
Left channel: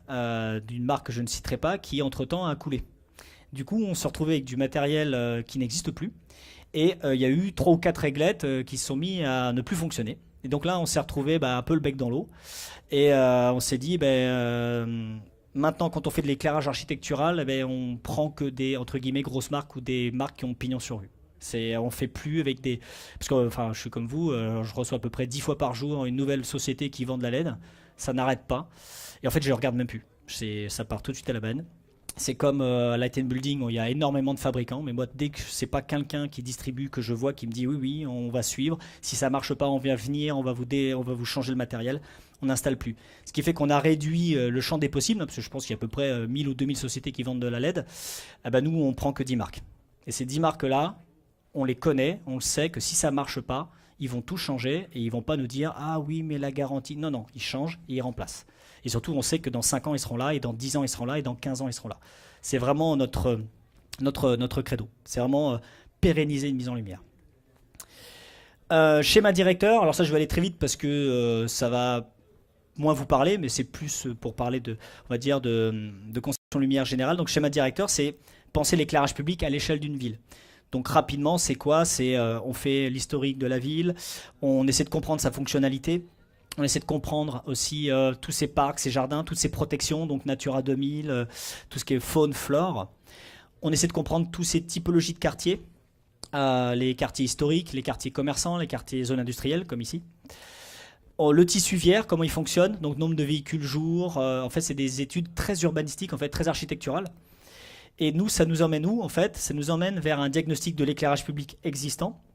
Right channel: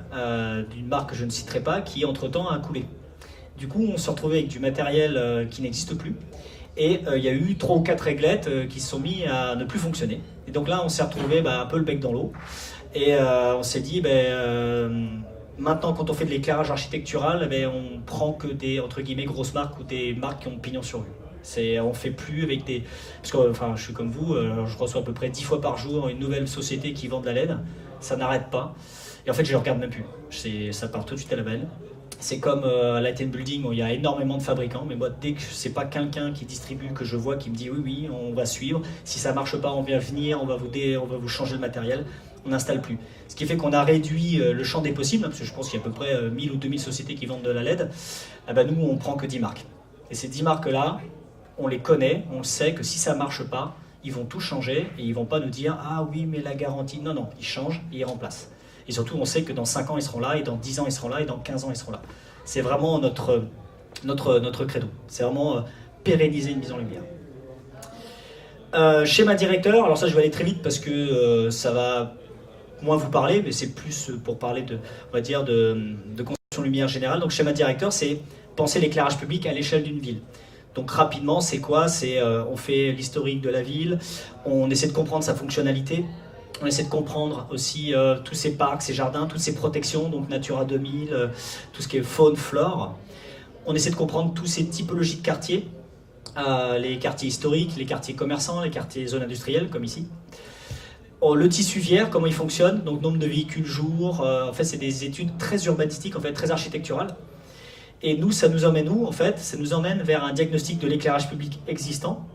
d'une marque que je ne citerai pas qui entre-temps a coulé. Du coup on s'est retrouvé avec du matériel qui n'existe plus. Et il y a eu 3 ou 4 réglettes qui se sont mis à ne plus fonctionner. Et donc là on s'est retrouvé un peu le bec dans l'eau. Et on s'est dit, maintenant quand on fait de l'éclairage architectural, on prend que des entre guillemets grosses marques ou des marques qui ont pignon sur rue. On fait plus avec des... Parce que je suis comme vous, je reçois à peu près 10 fois par jour une nouvelle société qui vend de la LED. Ça n'arrête pas. Et en fait, je ne regarde même plus. Ça part tout de suite à la benne. C'est comme à Light & Building où il y a énormément de fabricants, mais moi, dès que c'est pas quelqu'un qui distribue, que je vois, qui me dit oui, on va suivre. Si ça marche pas, on vient venir, on va vous changer le matériel. On n'installe plus. Ce qui fait qu'on a réduit le champ des possibles, parce que je pense qu'il y a à peu près 1000 ou 2000 sociétés qui vendent de la LED. Nous, on prend que 10 marques. Et ces 10 marques-là, on les connaît, on sait que si ça marche pas, ils vont tout changer et ils vont pas nous dire ah oui mais la garantie, non, ils changent et ils remplacent. Et surtout on sait que dans 5 ans ils seront là et dans 10 ans ils seront là et dans 15 ans ils seront là. C'est vraiment notre credo, c'est vraiment pérenniser une mise en lumière. Schéma directeur, alors ça je vais aller très vite parce que ça va moins vous parler, mais c'est plus pour parler on va dire de conception lumière générale. Donc schéma directeur c'est penser l'éclairage public à l'échelle d'une ville. Donc rapidement, c'est quoi? On fait l'historique de la ville, on essaie de comprendre sa fonctionnalité, on essaie de comprendre aussi tous ces parcs, ces jardins, toutes ces protections, donc Natura 2000, tout ce qui est faune, flore. On essaie de comprendre toutes ces typologies de quartiers, les quartiers historiques, les quartiers commerçants, les quartiers zones industrielles, comme ici. Le tissu viaire, comment il fonctionne, donc nombre de véhicules jour, en fait c'est des études très urbanistiques, en fait très architecturales. Et nous, ça nous emmène vers un diagnostic de l'éclairage public existant.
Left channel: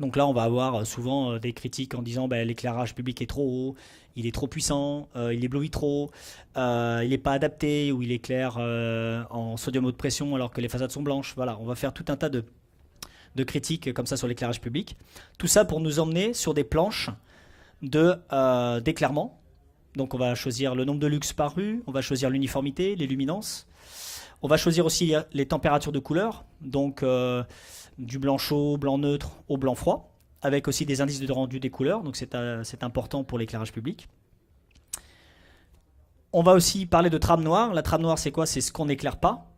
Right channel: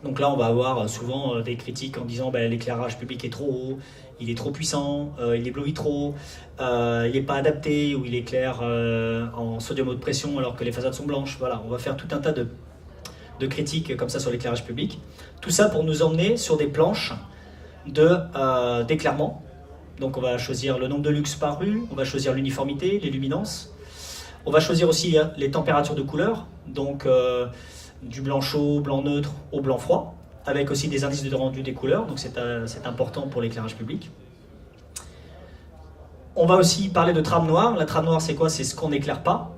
Donc là, on va avoir souvent des critiques en disant l'éclairage public est trop haut, il est trop puissant, il éblouit trop, il n'est pas adapté, ou il éclaire en sodium haute pression alors que les façades sont blanches. Voilà, on va faire tout un tas de critiques comme ça sur l'éclairage public. Tout ça pour nous emmener sur des planches d'éclairement. Donc on va choisir le nombre de lux par rue, on va choisir l'uniformité, les luminances. On va choisir aussi les températures de couleur, donc du blanc chaud, blanc neutre au blanc froid, avec aussi des indices de rendu des couleurs, donc c'est important pour l'éclairage public. On va aussi parler de trame noire. La trame noire, c'est quoi? C'est ce qu'on n'éclaire pas.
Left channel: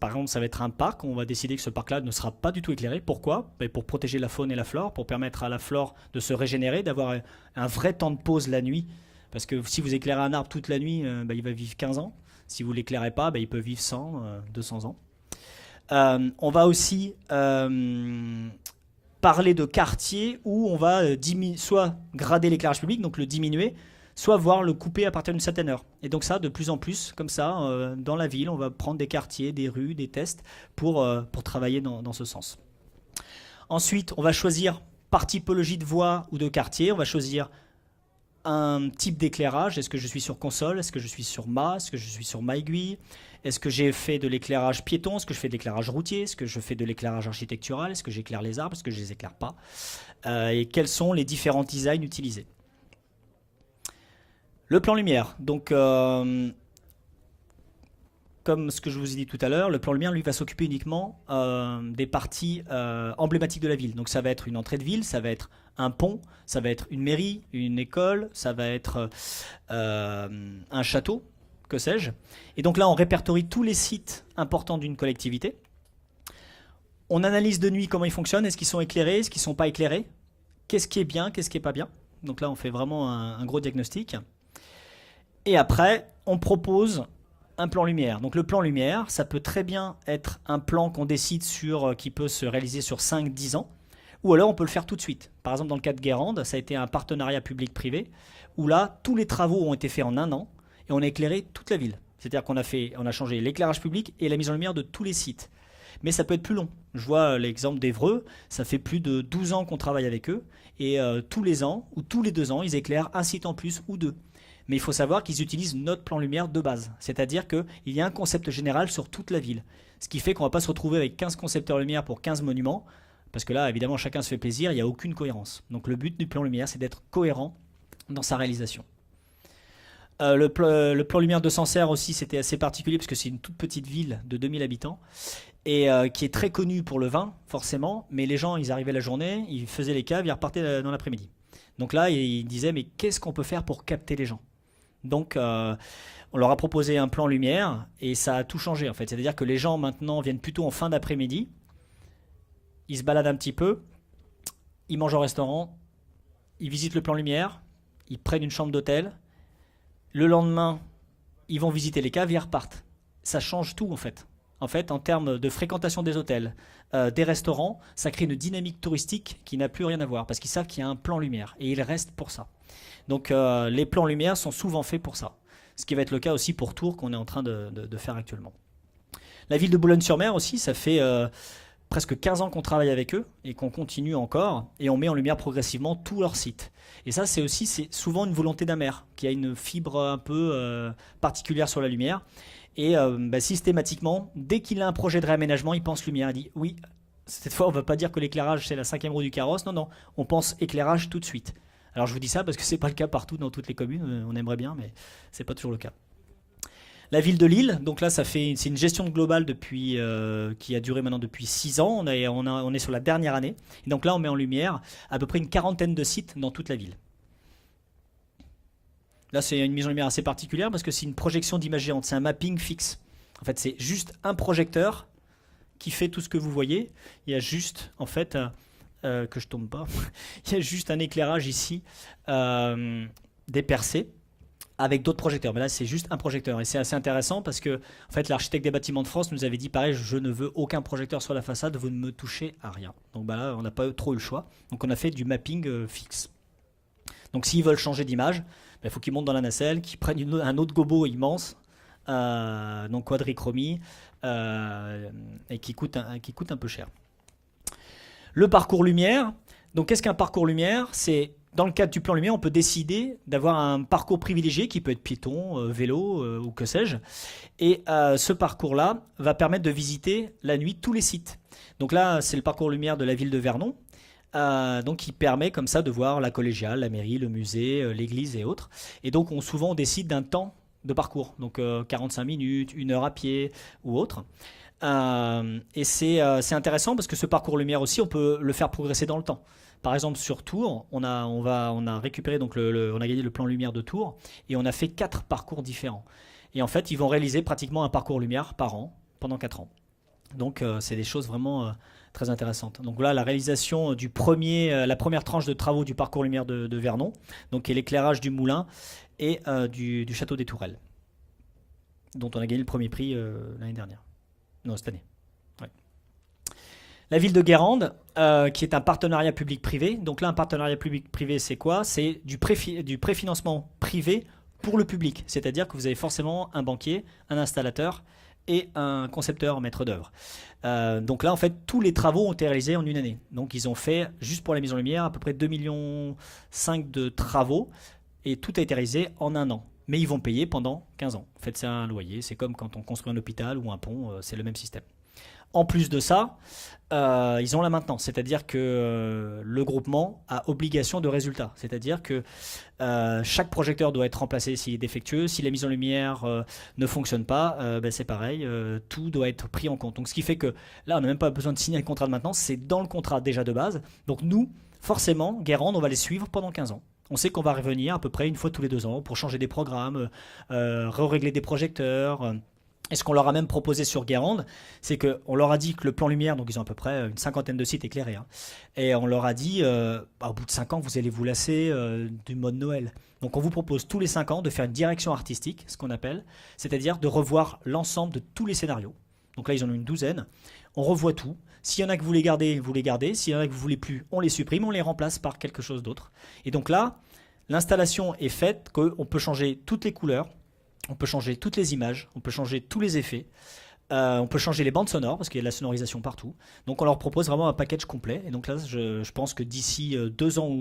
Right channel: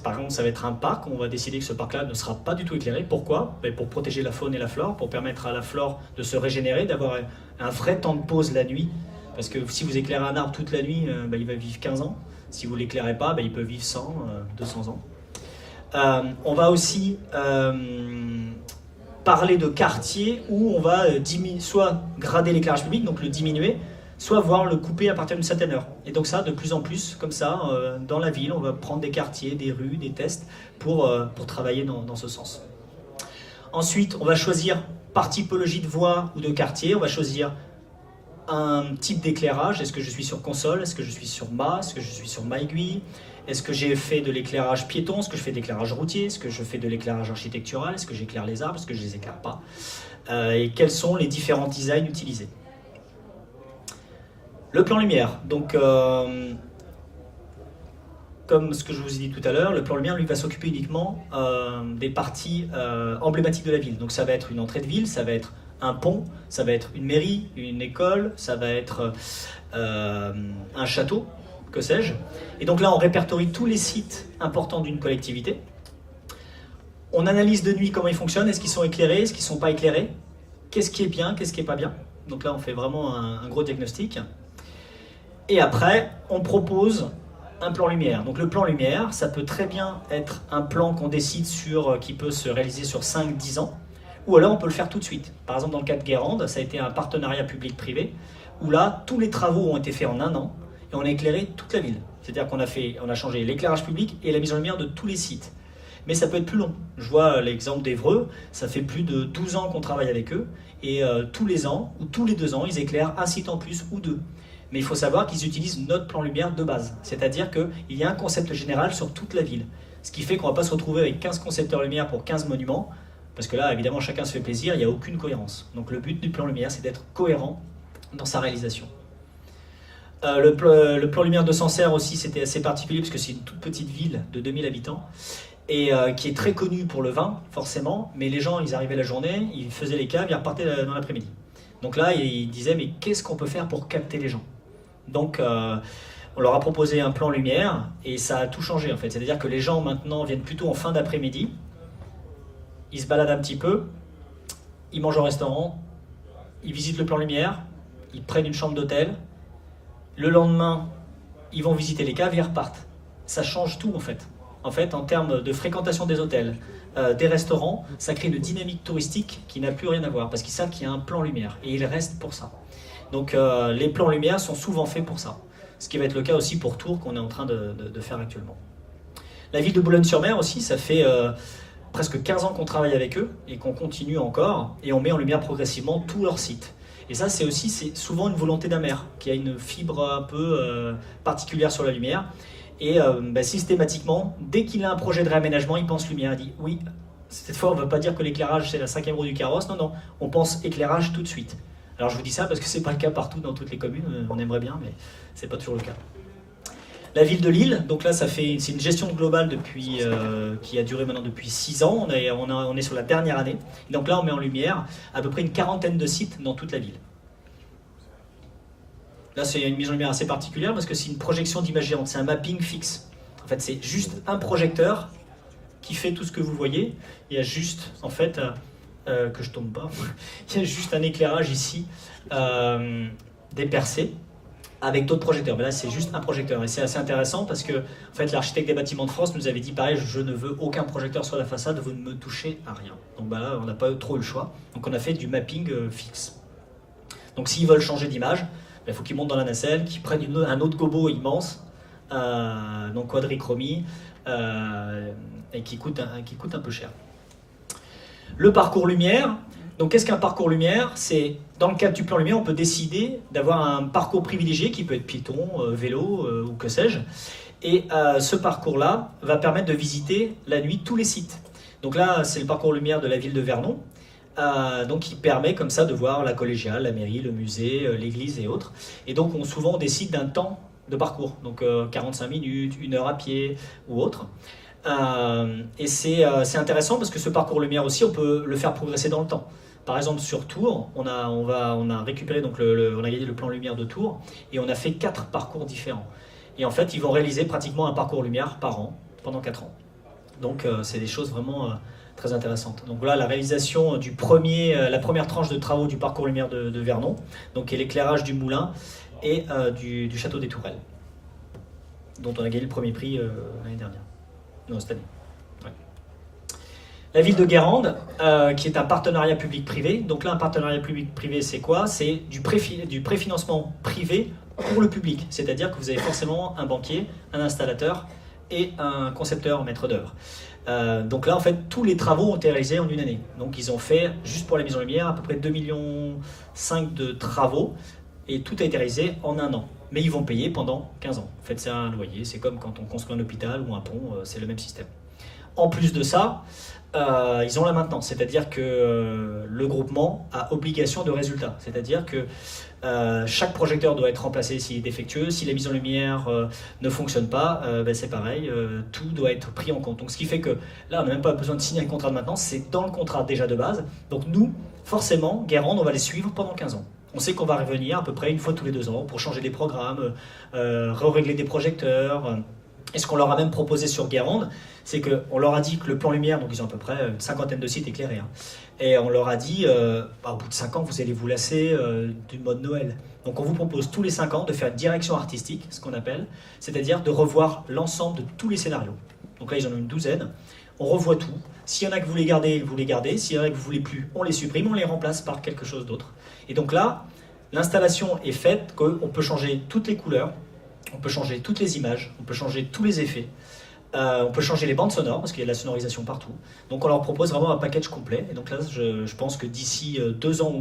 Par exemple, ça va être un parc, on va décider que ce parc-là ne sera pas du tout éclairé. Pourquoi? Pour protéger la faune et la flore, pour permettre à la flore de se régénérer, d'avoir un vrai temps de pause la nuit. Parce que si vous éclairez un arbre toute la nuit, il va vivre 15 ans. Si vous ne l'éclairez pas, il peut vivre 100, 200 ans. On va aussi parler de quartiers où on va soit grader l'éclairage public, donc le diminuer, soit voir le couper à partir d'une certaine heure. Et donc ça, de plus en plus, comme ça, dans la ville, on va prendre des quartiers, des rues, des tests pour travailler dans ce sens. Ensuite, on va choisir par typologie de voie ou de quartier, on va choisir un type d'éclairage. Est-ce que je suis sur console? Est-ce que je suis sur mât? Est-ce que je suis sur mât aiguille? Est-ce que j'ai fait de l'éclairage piéton? Est-ce que je fais de l'éclairage routier? Est-ce que je fais de l'éclairage architectural? Est-ce que j'éclaire les arbres? Est-ce que je ne les éclaire pas? Et quels sont les différents designs utilisés? Le plan lumière. Donc, comme ce que je vous ai dit tout à l'heure, le plan lumière lui va s'occuper uniquement des parties emblématiques de la ville. Donc ça va être une entrée de ville, ça va être un pont, ça va être une mairie, une école, ça va être un château, que sais-je. Et donc là, on répertorie tous les sites importants d'une collectivité. On analyse de nuit comment ils fonctionnent, est-ce qu'ils sont éclairés, est-ce qu'ils ne sont pas éclairés, qu'est-ce qui est bien, qu'est-ce qui n'est pas bien. Donc là, on fait vraiment un gros diagnostic. Et après, on propose un plan lumière. Donc le plan lumière, ça peut très bien être un plan qu'on décide qui peut se réaliser sur 5-10 ans, ou alors on peut le faire tout de suite. Par exemple, dans le cas de Guérande, ça a été un partenariat public-privé, où là, tous les travaux ont été faits en un an, et on a éclairé toute la ville. C'est-à-dire qu'on a changé l'éclairage public et la mise en lumière de tous les sites. Mais ça peut être plus long. Je vois l'exemple d'Évreux, ça fait plus de 12 ans qu'on travaille avec eux, et tous les ans, ou tous les 2 ans, ils éclairent un site en plus ou 2. Mais il faut savoir qu'ils utilisent notre plan lumière de base. C'est-à-dire qu'il y a un concept général sur toute la ville. Ce qui fait qu'on ne va pas se retrouver avec 15 concepteurs lumière pour 15 monuments, parce que là, évidemment, chacun se fait plaisir, il n'y a aucune cohérence. Donc le but du plan lumière, c'est d'être cohérent dans sa réalisation. Le plan lumière de Sancerre aussi, c'était assez particulier, parce que c'est une toute petite ville de 2000 habitants, et qui est très connue pour le vin, forcément, mais les gens, ils arrivaient la journée, ils faisaient les caves, ils repartaient dans l'après-midi. Donc là, ils disaient, mais qu'est-ce qu'on peut faire pour capter les gens? Donc, on leur a proposé un plan lumière et ça a tout changé en fait. C'est-à-dire que les gens maintenant viennent plutôt en fin d'après-midi, ils se baladent un petit peu, ils mangent au restaurant, ils visitent le plan lumière, ils prennent une chambre d'hôtel, le lendemain, ils vont visiter les caves et ils repartent. Ça change tout en fait. En fait, en termes de fréquentation des hôtels, des restaurants, ça crée une dynamique touristique qui n'a plus rien à voir parce qu'ils savent qu'il y a un plan lumière et ils restent pour ça. Donc les plans lumière sont souvent faits pour ça. Ce qui va être le cas aussi pour Tours qu'on est en train de faire actuellement. La ville de Boulogne-sur-Mer aussi, ça fait presque 15 ans qu'on travaille avec eux et qu'on continue encore et on met en lumière progressivement tous leurs sites. Et ça c'est souvent une volonté d'un maire qui a une fibre un peu particulière sur la lumière. Et systématiquement, dès qu'il a un projet de réaménagement, il pense lumière. Il dit oui, cette fois on ne veut pas dire que l'éclairage c'est la 5e roue du carrosse, non, on pense éclairage tout de suite. Alors je vous dis ça parce que c'est pas le cas partout dans toutes les communes, on aimerait bien, mais c'est pas toujours le cas. La ville de Lille, donc là c'est une gestion globale qui a duré maintenant depuis 6 ans, on est sur la dernière année. Donc là on met en lumière à peu près une 40aine de sites dans toute la ville. Là c'est une mise en lumière assez particulière parce que c'est une projection d'image géante, c'est un mapping fixe. En fait c'est juste un projecteur qui fait tout ce que vous voyez, il y a juste en fait... que je tombe pas, il y a juste un éclairage ici dépercé avec d'autres projecteurs. Mais là c'est juste un projecteur et c'est assez intéressant parce que en fait, l'architecte des bâtiments de France nous avait dit pareil, je ne veux aucun projecteur sur la façade, vous ne me touchez à rien. Donc là on n'a pas trop eu le choix, donc on a fait du mapping fixe. Donc s'ils veulent changer d'image, il faut qu'ils montent dans la nacelle, qu'ils prennent un autre gobo immense, donc quadrichromie, et qui coûte un peu cher. Le parcours lumière, donc qu'est-ce qu'un parcours lumière? C'est, dans le cadre du plan lumière, on peut décider d'avoir un parcours privilégié qui peut être piéton, vélo ou que sais-je. Et ce parcours-là va permettre de visiter la nuit tous les sites. Donc là, c'est le parcours lumière de la ville de Vernon, donc qui permet comme ça de voir la collégiale, la mairie, le musée, l'église et autres. Et donc souvent on décide d'un temps de parcours, donc 45 minutes, 1 heure à pied ou autre. Et c'est intéressant parce que ce parcours lumière aussi, on peut le faire progresser dans le temps. Par exemple, sur Tours, on a récupéré donc on a le plan lumière de Tours et on a fait 4 parcours différents. Et en fait, ils vont réaliser pratiquement un parcours lumière par an pendant 4 ans. Donc, c'est des choses vraiment très intéressantes. Donc voilà la réalisation la première tranche de travaux du parcours lumière de Vernon, donc l'éclairage du moulin et du château des Tourelles, dont on a gagné le premier prix l'année dernière. Non, cette année. Ouais. La ville de Guérande, qui est un partenariat public-privé. Donc là, un partenariat public-privé, c'est quoi? C'est du préfinancement privé pour le public. C'est-à-dire que vous avez forcément un banquier, un installateur et un concepteur maître d'œuvre. Donc là, en fait, tous les travaux ont été réalisés en une année. Donc ils ont fait, juste pour la mise en lumière, à peu près 2,5 millions de travaux, et tout a été réalisé en un an. Mais ils vont payer pendant 15 ans. En fait, c'est un loyer, c'est comme quand on construit un hôpital ou un pont, c'est le même système. En plus de ça, ils ont la maintenance, c'est-à-dire que le groupement a obligation de résultat. C'est-à-dire que chaque projecteur doit être remplacé s'il est défectueux, si la mise en lumière ne fonctionne pas, c'est pareil, tout doit être pris en compte. Donc ce qui fait que là, on n'a même pas besoin de signer un contrat de maintenance, c'est dans le contrat déjà de base. Donc nous, forcément, Guérande, on va les suivre pendant 15 ans. On sait qu'on va revenir à peu près une fois tous les 2 ans pour changer des programmes, régler des projecteurs. Et ce qu'on leur a même proposé sur Guérande, c'est qu'on leur a dit que le plan lumière, donc ils ont à peu près une 50aine de sites éclairés, hein, et on leur a dit, au bout de 5 ans, vous allez vous lasser du mode Noël. Donc on vous propose tous les 5 ans de faire une direction artistique, ce qu'on appelle, c'est-à-dire de revoir l'ensemble de tous les scénarios. Donc là, ils en ont une douzaine. On revoit tout. S'il y en a que vous les gardez, vous les gardez. S'il y en a que vous ne voulez plus, on les supprime, on les remplace par quelque chose d'autre. Et donc là, l'installation est faite qu'on peut changer toutes les couleurs, on peut changer toutes les images, on peut changer tous les effets. On peut changer les bandes sonores parce qu'il y a de la sonorisation partout. Donc on leur propose vraiment un package complet. Et donc là, je pense que d'ici 2 ans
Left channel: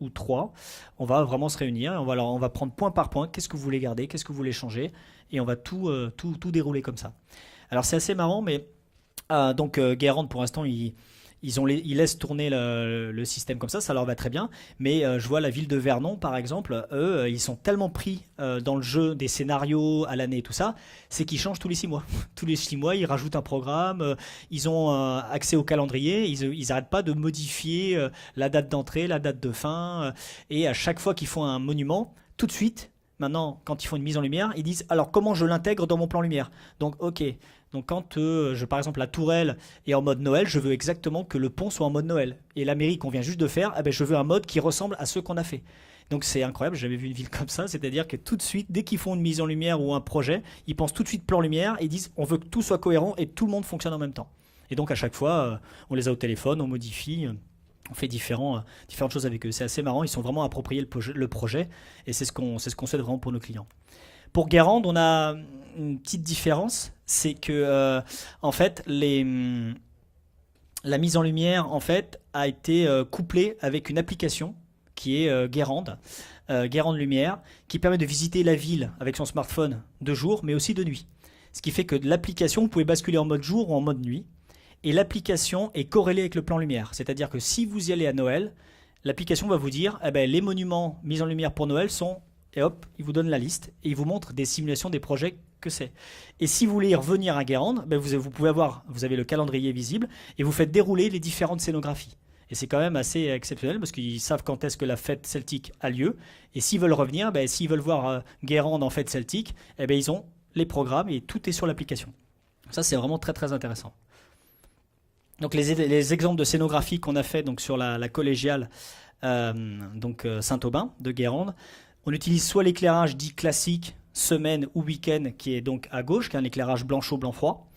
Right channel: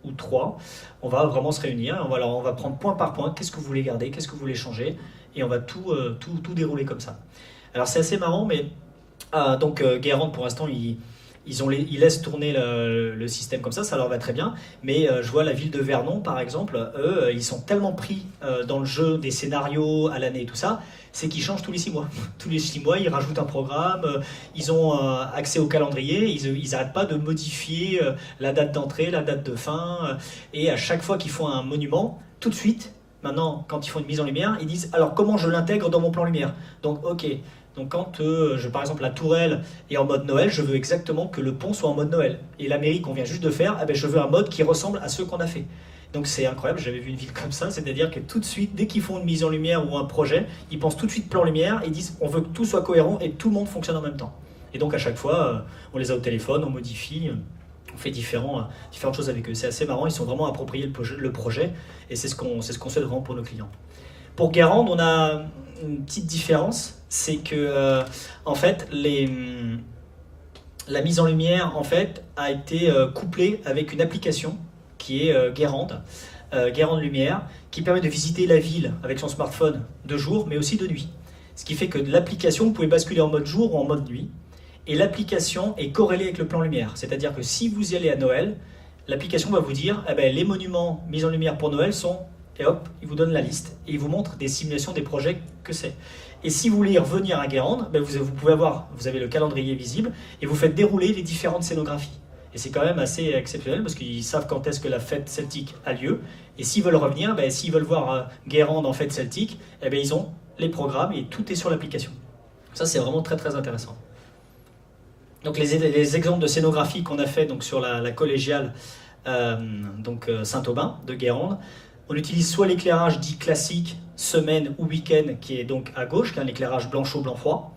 ou 3, on va vraiment se réunir. On va prendre point par point, qu'est-ce que vous voulez garder, qu'est-ce que vous voulez changer, et on va tout dérouler comme ça. Alors c'est assez marrant, mais donc Guérande pour l'instant ils laissent tourner le système comme ça leur va très bien. Mais je vois la ville de Vernon par exemple, eux ils sont tellement pris dans le jeu des scénarios à l'année et tout ça, c'est qu'ils changent tous les 6 mois. Tous les 6 mois, ils rajoutent un programme, ils ont accès au calendrier, ils n'arrêtent pas de modifier la date d'entrée, la date de fin, et à chaque fois qu'ils font un monument, tout de suite, maintenant, quand ils font une mise en lumière, ils disent, alors comment je l'intègre dans mon plan lumière? Donc ok, donc quand par exemple la tourelle est en mode Noël, je veux exactement que le pont soit en mode Noël. Et la mairie qu'on vient juste de faire, je veux un mode qui ressemble à ceux qu'on a fait. Donc c'est incroyable, j'avais vu une ville comme ça, c'est-à-dire que tout de suite, dès qu'ils font une mise en lumière ou un projet, ils pensent tout de suite plan lumière, ils disent on veut que tout soit cohérent et tout le monde fonctionne en même temps. Et donc à chaque fois, on les a au téléphone, on modifie, on fait différentes choses avec eux. C'est assez marrant, ils sont vraiment appropriés le projet et c'est ce qu'on souhaite vraiment pour nos clients. Pour Guérande, on a une petite différence, c'est que en fait, la mise en lumière en fait, a été couplée avec une application qui est Guérande Lumière, qui permet de visiter la ville avec son smartphone de jour, mais aussi de nuit. Ce qui fait que l'application, vous pouvez basculer en mode jour ou en mode nuit, et l'application est corrélée avec le plan lumière. C'est-à-dire que si vous y allez à Noël, l'application va vous dire les monuments mis en lumière pour Noël sont, et hop, il vous donne la liste, et il vous montre des simulations des projets que c'est. Et si vous voulez y revenir à Guérande, vous avez le calendrier visible, et vous faites dérouler les différentes scénographies. Et c'est quand même assez exceptionnel parce qu'ils savent quand est-ce que la fête celtique a lieu. Et s'ils veulent revenir, s'ils veulent voir Guérande en fête celtique, ils ont les programmes et tout est sur l'application. Ça, c'est vraiment très très intéressant. Donc les exemples de scénographie qu'on a fait donc, sur la collégiale Saint-Aubin de Guérande, on utilise soit l'éclairage dit classique, semaine ou week-end, qui est donc à gauche, un éclairage blanc chaud, blanc froid.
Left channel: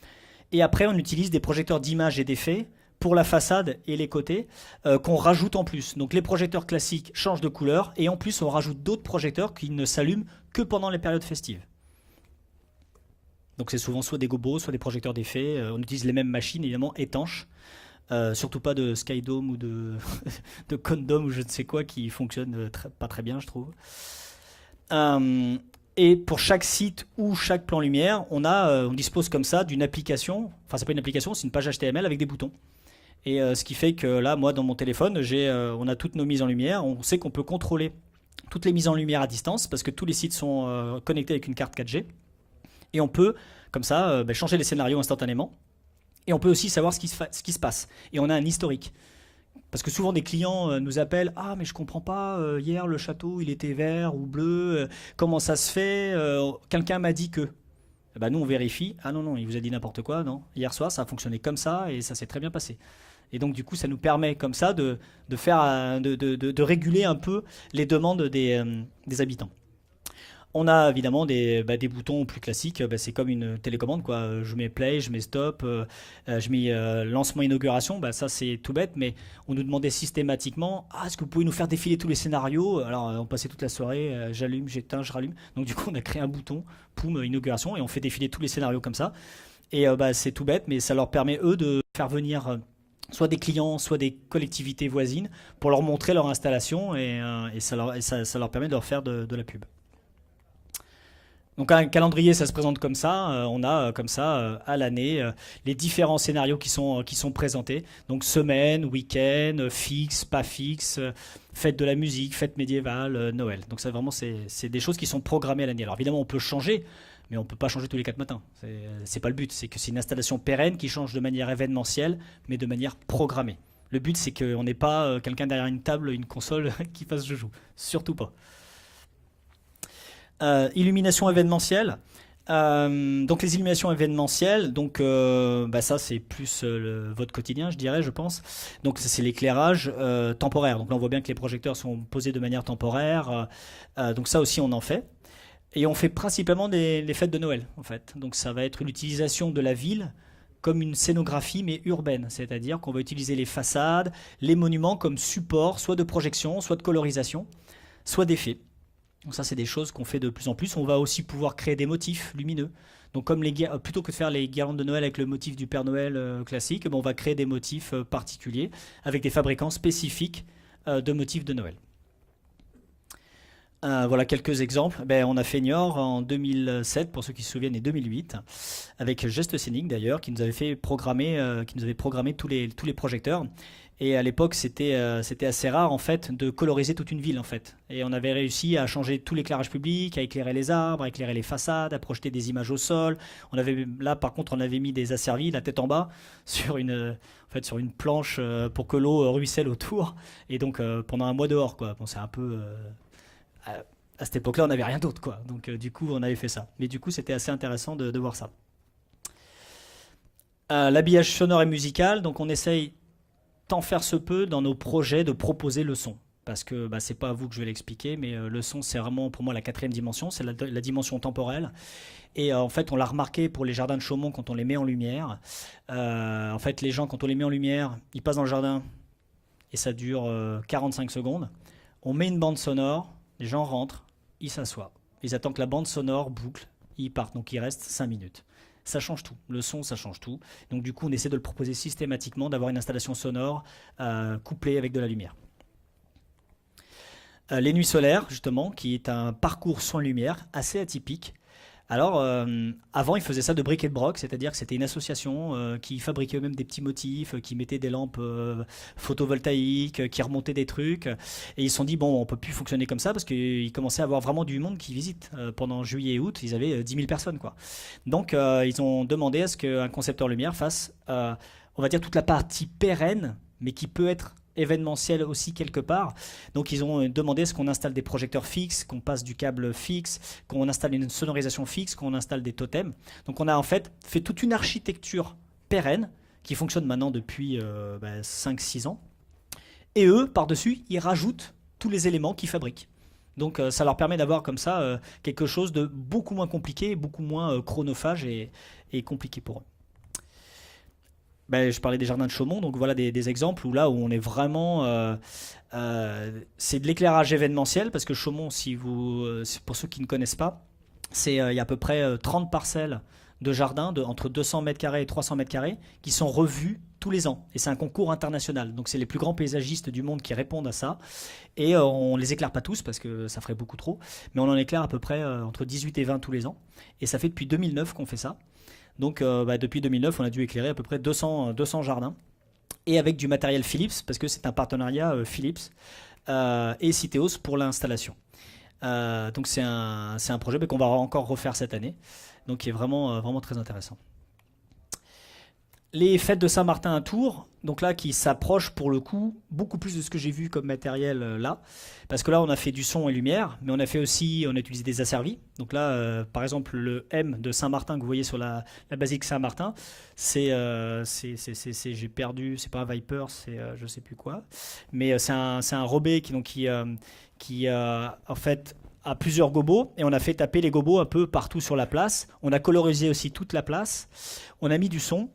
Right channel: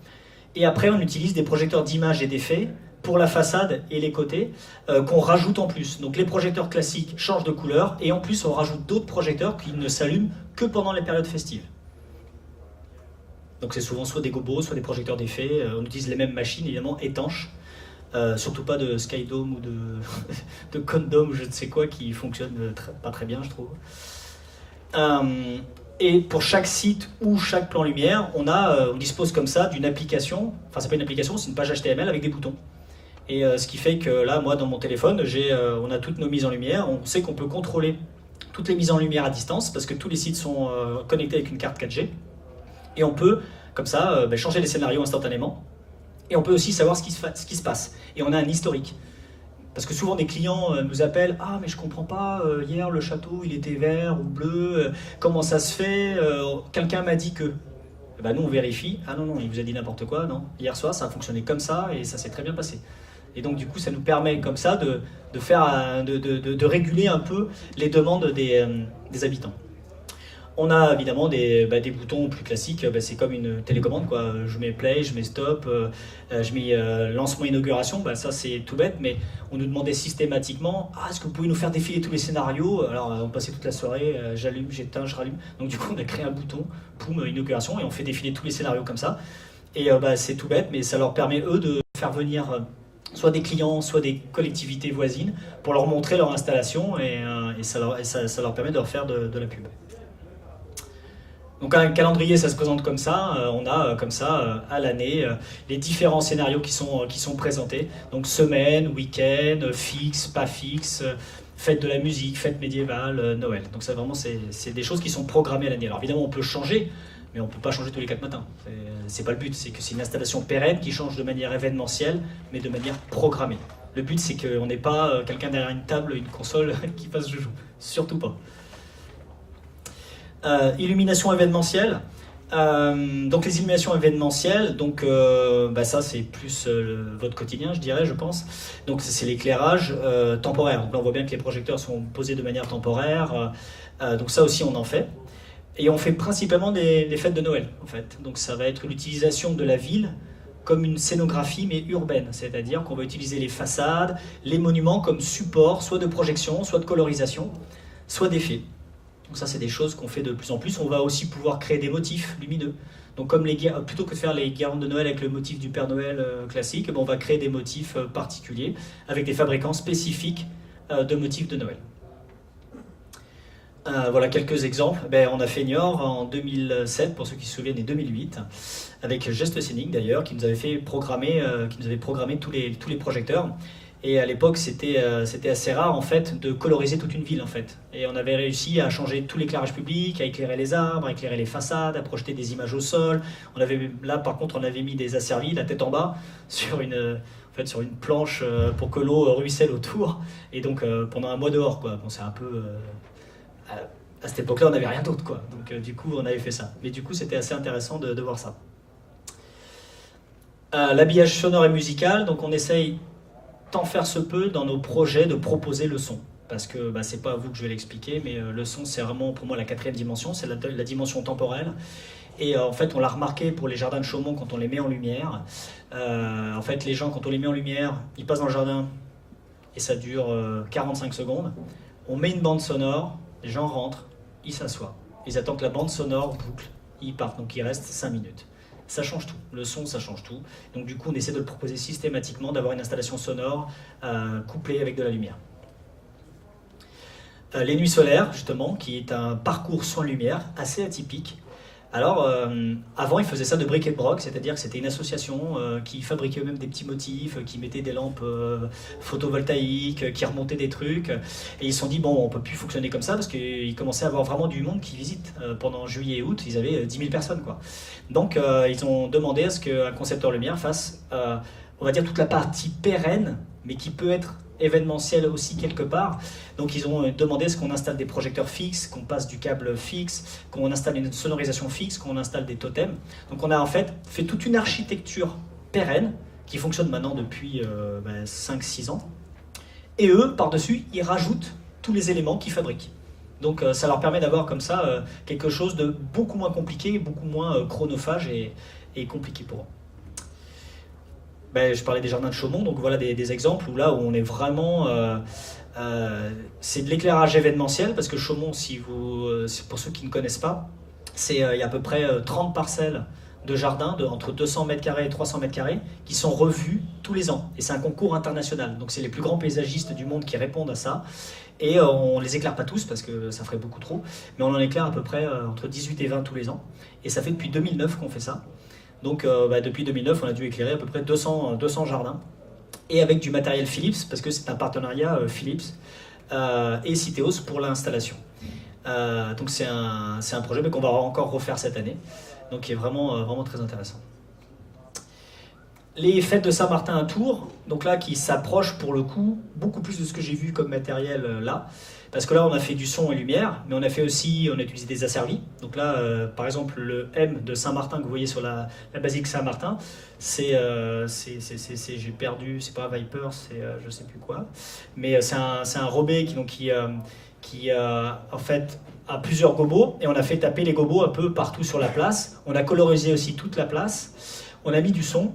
Et après, on utilise des projecteurs d'images et d'effets pour la façade et les côtés, qu'on rajoute en plus. Donc les projecteurs classiques changent de couleur, et en plus on rajoute d'autres projecteurs qui ne s'allument que pendant les périodes festives. Donc c'est souvent soit des gobos, soit des projecteurs d'effet. On utilise les mêmes machines, évidemment, étanches. Surtout pas de Skydome ou de Condom ou je ne sais quoi qui fonctionne pas très bien, je trouve. Et pour chaque site ou chaque plan lumière, on dispose comme ça d'une application, enfin c'est pas une application, c'est une page HTML avec des boutons. Et ce qui fait que là, moi, dans mon téléphone, on a toutes nos mises en lumière. On sait qu'on peut contrôler toutes les mises en lumière à distance parce que tous les sites sont connectés avec une carte 4G. Et on peut, comme ça, changer les scénarios instantanément. Et on peut aussi savoir ce qui se passe. Et on a un historique. Parce que souvent des clients nous appellent: ah mais je comprends pas, hier le château il était vert ou bleu, comment ça se fait, quelqu'un m'a dit que. Bah nous on vérifie, ah non, il nous a dit n'importe quoi, non. Hier soir ça a fonctionné comme ça et ça s'est très bien passé. Et donc du coup ça nous permet comme ça de réguler un peu les demandes des habitants. On a évidemment des boutons plus classiques, c'est comme une télécommande, quoi. Je mets play, je mets stop, je mets lancement inauguration, ça c'est tout bête, mais on nous demandait systématiquement: ah, est-ce que vous pouvez nous faire défiler tous les scénarios? Alors on passait toute la soirée, j'allume, j'éteins, je rallume. Donc du coup on a créé un bouton, poum, inauguration, et on fait défiler tous les scénarios comme ça. Et c'est tout bête, mais ça leur permet eux de faire venir soit des clients, soit des collectivités voisines pour leur montrer leur installation, et ça leur permet de leur faire de la pub. Donc un calendrier, ça se présente comme ça. On a comme ça à l'année les différents scénarios qui sont présentés. Donc semaine, week-end, fixe, pas fixe, fête de la musique, fête médiévale, Noël. Donc ça vraiment c'est des choses qui sont programmées à l'année. Alors évidemment on peut changer, mais on ne peut pas changer tous les 4 matins. C'est pas le but, c'est que c'est une installation pérenne qui change de manière événementielle, mais de manière programmée. Le but c'est qu'on n'ait pas quelqu'un derrière une table, une console qui fasse joujou. Surtout pas. Illumination événementielle. Donc les illuminations événementielles, donc ça c'est plus votre quotidien, je dirais, je pense. Donc c'est l'éclairage temporaire. Donc, on voit bien que les projecteurs sont posés de manière temporaire. Donc ça aussi on en fait. Et on fait principalement des fêtes de Noël, en fait. Donc ça va être l'utilisation de la ville comme une scénographie mais urbaine, c'est-à-dire qu'on va utiliser les façades, les monuments comme support, soit de projection, soit de colorisation, soit d'effets. Donc ça c'est des choses qu'on fait de plus en plus. On va aussi pouvoir créer des motifs lumineux. Donc comme plutôt que de faire les guirlandes de Noël avec le motif du Père Noël classique, on va créer des motifs particuliers avec des fabricants spécifiques de motifs de Noël. Voilà quelques exemples. On a fait Niort en 2007, pour ceux qui se souviennent, et 2008, avec Geste Scénique d'ailleurs, qui nous avait fait programmer, tous les projecteurs. Et à l'époque, c'était assez rare en fait de coloriser toute une ville en fait. Et on avait réussi à changer tout l'éclairage public, à éclairer les arbres, à éclairer les façades, à projeter des images au sol. Là par contre, on avait mis des asservis, la tête en bas, sur une planche pour que l'eau ruisselle autour. Et donc pendant un mois dehors, quoi. Bon, c'est un peu à cette époque-là, on n'avait rien d'autre, quoi. Donc du coup, on avait fait ça. Mais du coup, c'était assez intéressant de voir ça. L'habillage sonore et musical, donc on essaye tant faire se peut dans nos projets de proposer le son. Parce que c'est pas à vous que je vais l'expliquer, mais le son c'est vraiment pour moi la 4e dimension, c'est la dimension temporelle. Et en fait on l'a remarqué pour les jardins de Chaumont quand on les met en lumière. En fait les gens quand on les met en lumière, ils passent dans le jardin et ça dure 45 secondes. On met une bande sonore, les gens rentrent, ils s'assoient. Ils attendent que la bande sonore boucle, ils partent, donc il reste 5 minutes. Ça change tout, le son ça change tout. Donc du coup on essaie de le proposer systématiquement, d'avoir une installation sonore couplée avec de la lumière. Les nuits solaires justement, qui est un parcours sans lumière assez atypique. Alors avant ils faisaient ça de bric et de broc, c'est-à-dire que c'était une association qui fabriquait eux-mêmes des petits motifs, qui mettait des lampes photovoltaïques, qui remontaient des trucs. Et ils se sont dit bon on peut plus fonctionner comme ça parce qu'ils commençaient à avoir vraiment du monde qui visite. Pendant juillet et août ils avaient 10 000 personnes quoi. Donc ils ont demandé à ce qu'un concepteur lumière fasse on va dire toute la partie pérenne mais qui peut être événementiel aussi quelque part. Donc ils ont demandé à ce qu'on installe des projecteurs fixes, qu'on passe du câble fixe, qu'on installe une sonorisation fixe, qu'on installe des totems. Donc on a en fait toute une architecture pérenne qui fonctionne maintenant depuis 5-6 ans. Et eux, par-dessus, ils rajoutent tous les éléments qu'ils fabriquent. Donc ça leur permet d'avoir comme ça quelque chose de beaucoup moins compliqué, beaucoup moins chronophage et compliqué pour eux. Je parlais des jardins de Chaumont, donc voilà des exemples où là où on est vraiment... c'est de l'éclairage événementiel, parce que Chaumont, pour ceux qui ne connaissent pas, il y a à peu près 30 parcelles de jardins entre 200 m² et 300 m² qui sont revues tous les ans. Et c'est un concours international, donc c'est les plus grands paysagistes du monde qui répondent à ça. Et on les éclaire pas tous, parce que ça ferait beaucoup trop, mais on en éclaire à peu près entre 18 et 20 tous les ans. Et ça fait depuis 2009 qu'on fait ça. Donc depuis 2009, on a dû éclairer à peu près 200 jardins. Et avec du matériel Philips, parce que c'est un partenariat Philips et Citeos pour l'installation. Donc c'est un projet qu'on va encore refaire cette année, donc qui est vraiment très intéressant. les fêtes de Saint-Martin à Tours, donc là qui s'approchent pour le coup beaucoup plus de ce que j'ai vu comme matériel là. Parce que là, on a fait du son et lumière, mais on a fait aussi, on a utilisé des asservis. Donc là, par exemple, le M de Saint-Martin que vous voyez sur la basilique Saint-Martin, j'ai perdu, c'est pas un Viper, c'est je sais plus quoi. Mais c'est un robé qui en fait a plusieurs gobos, et on a fait taper les gobos un peu partout sur la place. On a colorisé aussi toute la place. On a mis du son,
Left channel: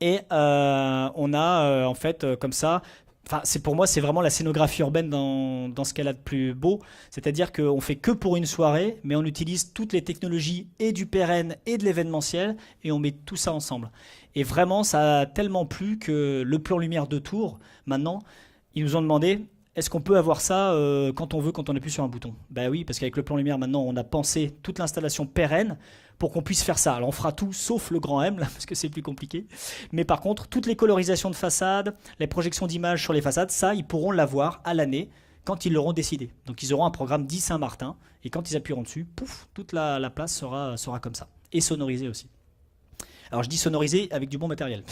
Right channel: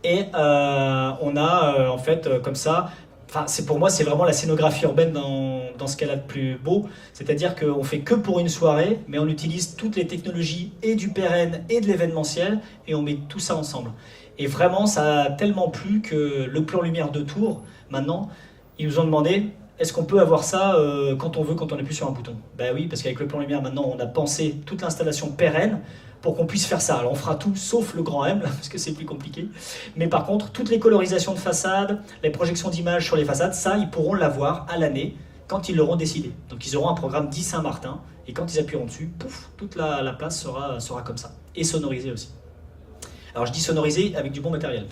et on a en fait comme ça. Enfin, pour moi, c'est vraiment la scénographie urbaine dans ce qu'elle a de plus beau. C'est-à-dire qu'on fait que pour une soirée, mais on utilise toutes les technologies et du pérenne et de l'événementiel, et on met tout ça ensemble. Et vraiment, ça a tellement plu que le plan lumière de Tours, maintenant, ils nous ont demandé, est-ce qu'on peut avoir ça quand on veut, quand on appuie sur un bouton? Ben oui, parce qu'avec le plan lumière, maintenant, on a pensé toute l'installation pérenne, pour qu'on puisse faire ça. Alors on fera tout sauf le grand M, parce que c'est plus compliqué. Mais par contre, toutes les colorisations de façade, les projections d'images sur les façades, ça, ils pourront l'avoir à l'année, quand ils l'auront décidé. Donc ils auront un programme dit Saint-Martin, et quand ils appuieront dessus, pouf, toute la place sera comme ça. Et sonorisée aussi. Alors je dis sonorisée avec du bon matériel.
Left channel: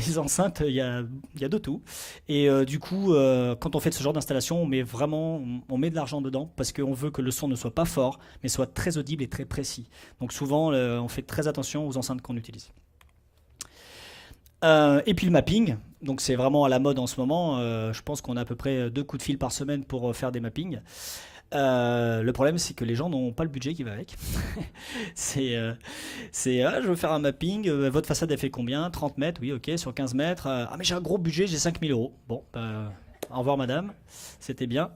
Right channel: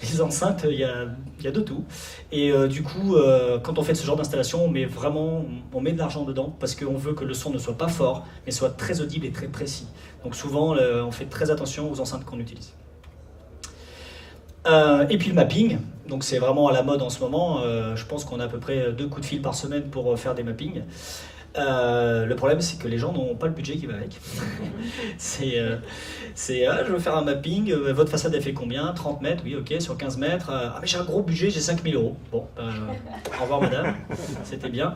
Les enceintes, il y a de tout. Et du coup, quand on fait ce genre d'installation, on met de l'argent dedans, parce qu'on veut que le son ne soit pas fort, mais soit très audible et très précis. Donc souvent, on fait très attention aux enceintes qu'on utilise. Et puis le mapping, donc c'est vraiment à la mode en ce moment. Je pense qu'on a à peu près 2 coups de fil par semaine pour faire des mappings. Le problème, c'est que les gens n'ont pas le budget qui va avec. Je veux faire un mapping, votre façade elle fait combien? 30 mètres, oui, ok, sur 15 mètres. Mais j'ai un gros budget, j'ai 5 000 euros. Bon, au revoir madame, c'était bien.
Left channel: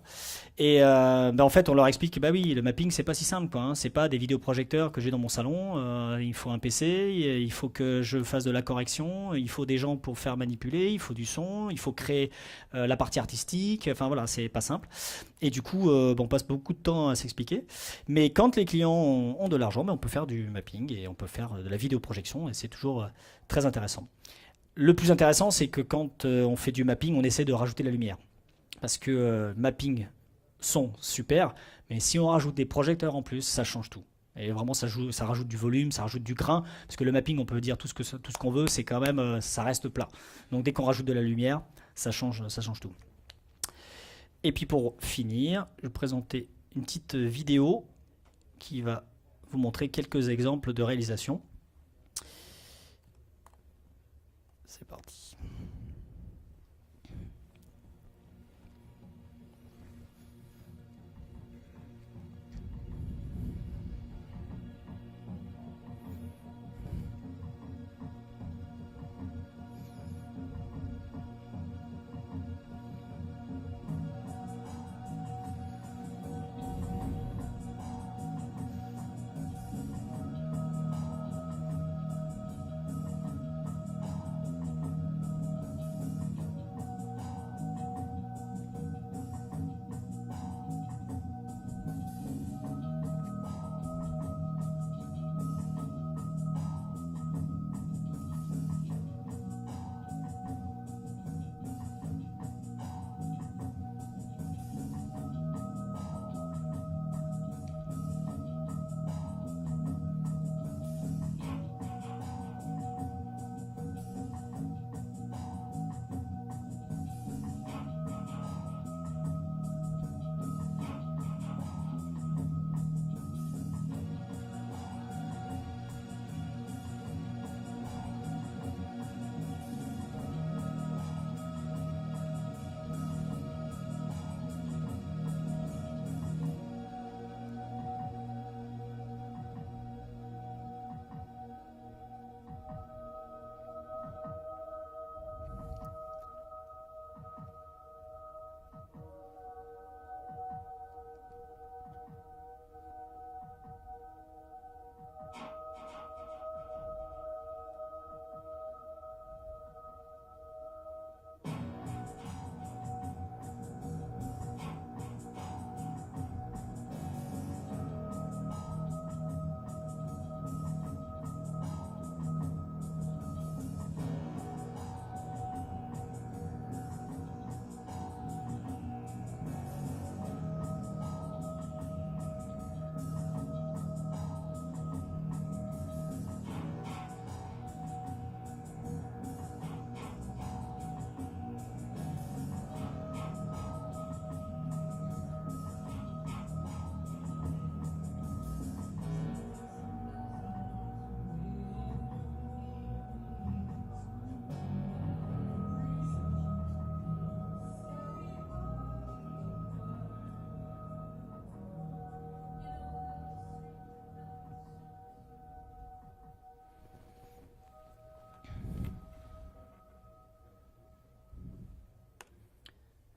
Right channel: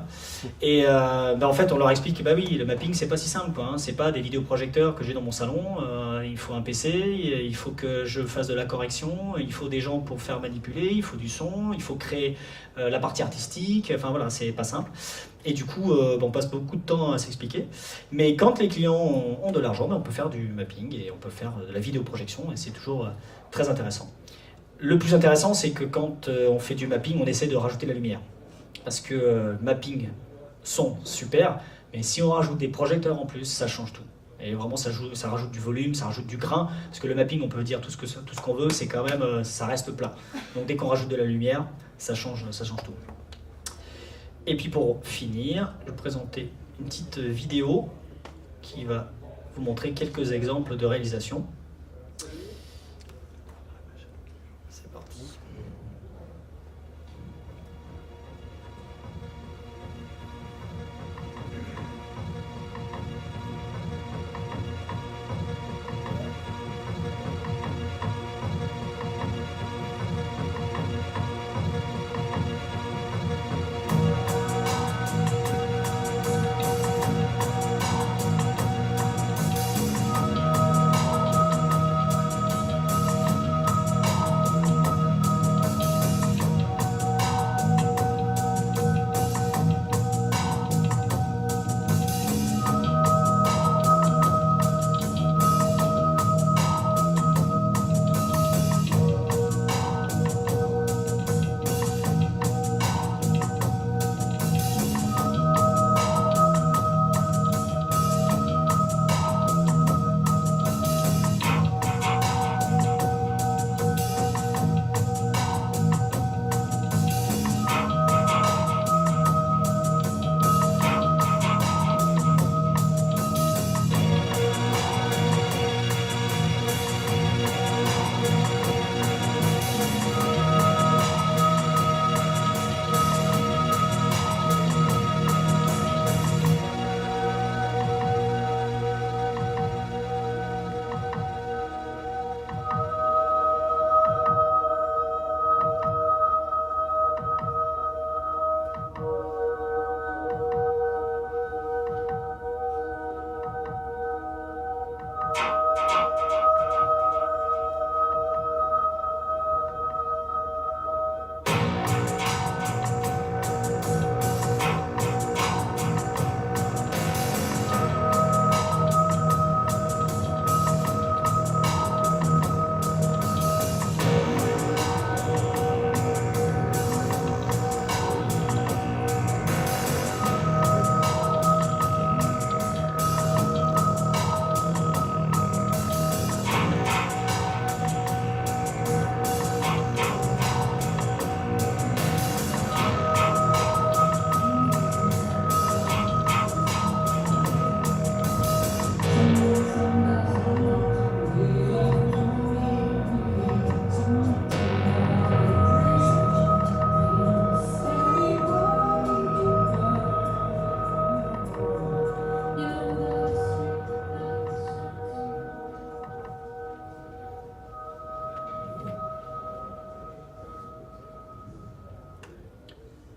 Et en fait, on leur explique que bah oui, le mapping c'est pas si simple, quoi, hein. C'est pas des vidéoprojecteurs que j'ai dans mon salon. Il faut un PC, il faut que je fasse de la correction, il faut des gens pour faire manipuler, il faut du son, il faut créer la partie artistique. Enfin voilà, c'est pas simple. Et du coup, on passe beaucoup de temps à s'expliquer. Mais quand les clients ont de l'argent, on peut faire du mapping et on peut faire de la vidéoprojection, et c'est toujours très intéressant. Le plus intéressant, c'est que quand on fait du mapping, on essaie de rajouter la lumière. Parce que mapping, son, super, mais si on rajoute des projecteurs en plus, ça change tout. Et vraiment, ça rajoute du volume, ça rajoute du grain. Parce que le mapping, on peut dire tout ce qu'on veut, c'est quand même, ça reste plat. Donc dès qu'on rajoute de la lumière, ça change tout. Et puis pour finir, je vais présenter une petite vidéo qui va vous montrer quelques exemples de réalisation. C'est parti.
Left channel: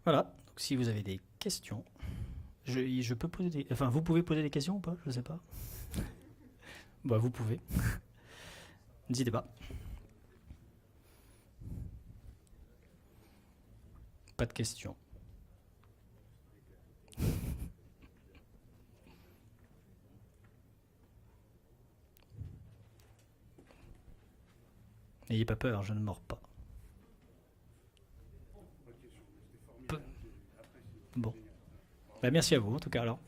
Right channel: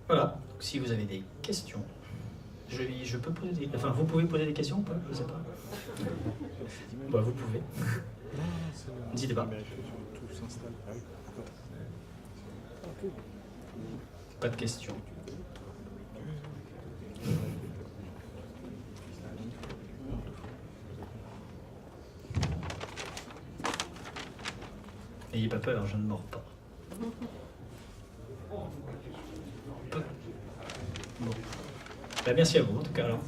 Voilà, si vous avez des questions, je peux poser des... Enfin, vous pouvez poser des questions ou pas? Je sais pas. Bah, vous pouvez. N'hésitez pas. Pas de questions. N'ayez pas peur, je ne mords pas. Bon. Bah, merci à vous en tout cas alors.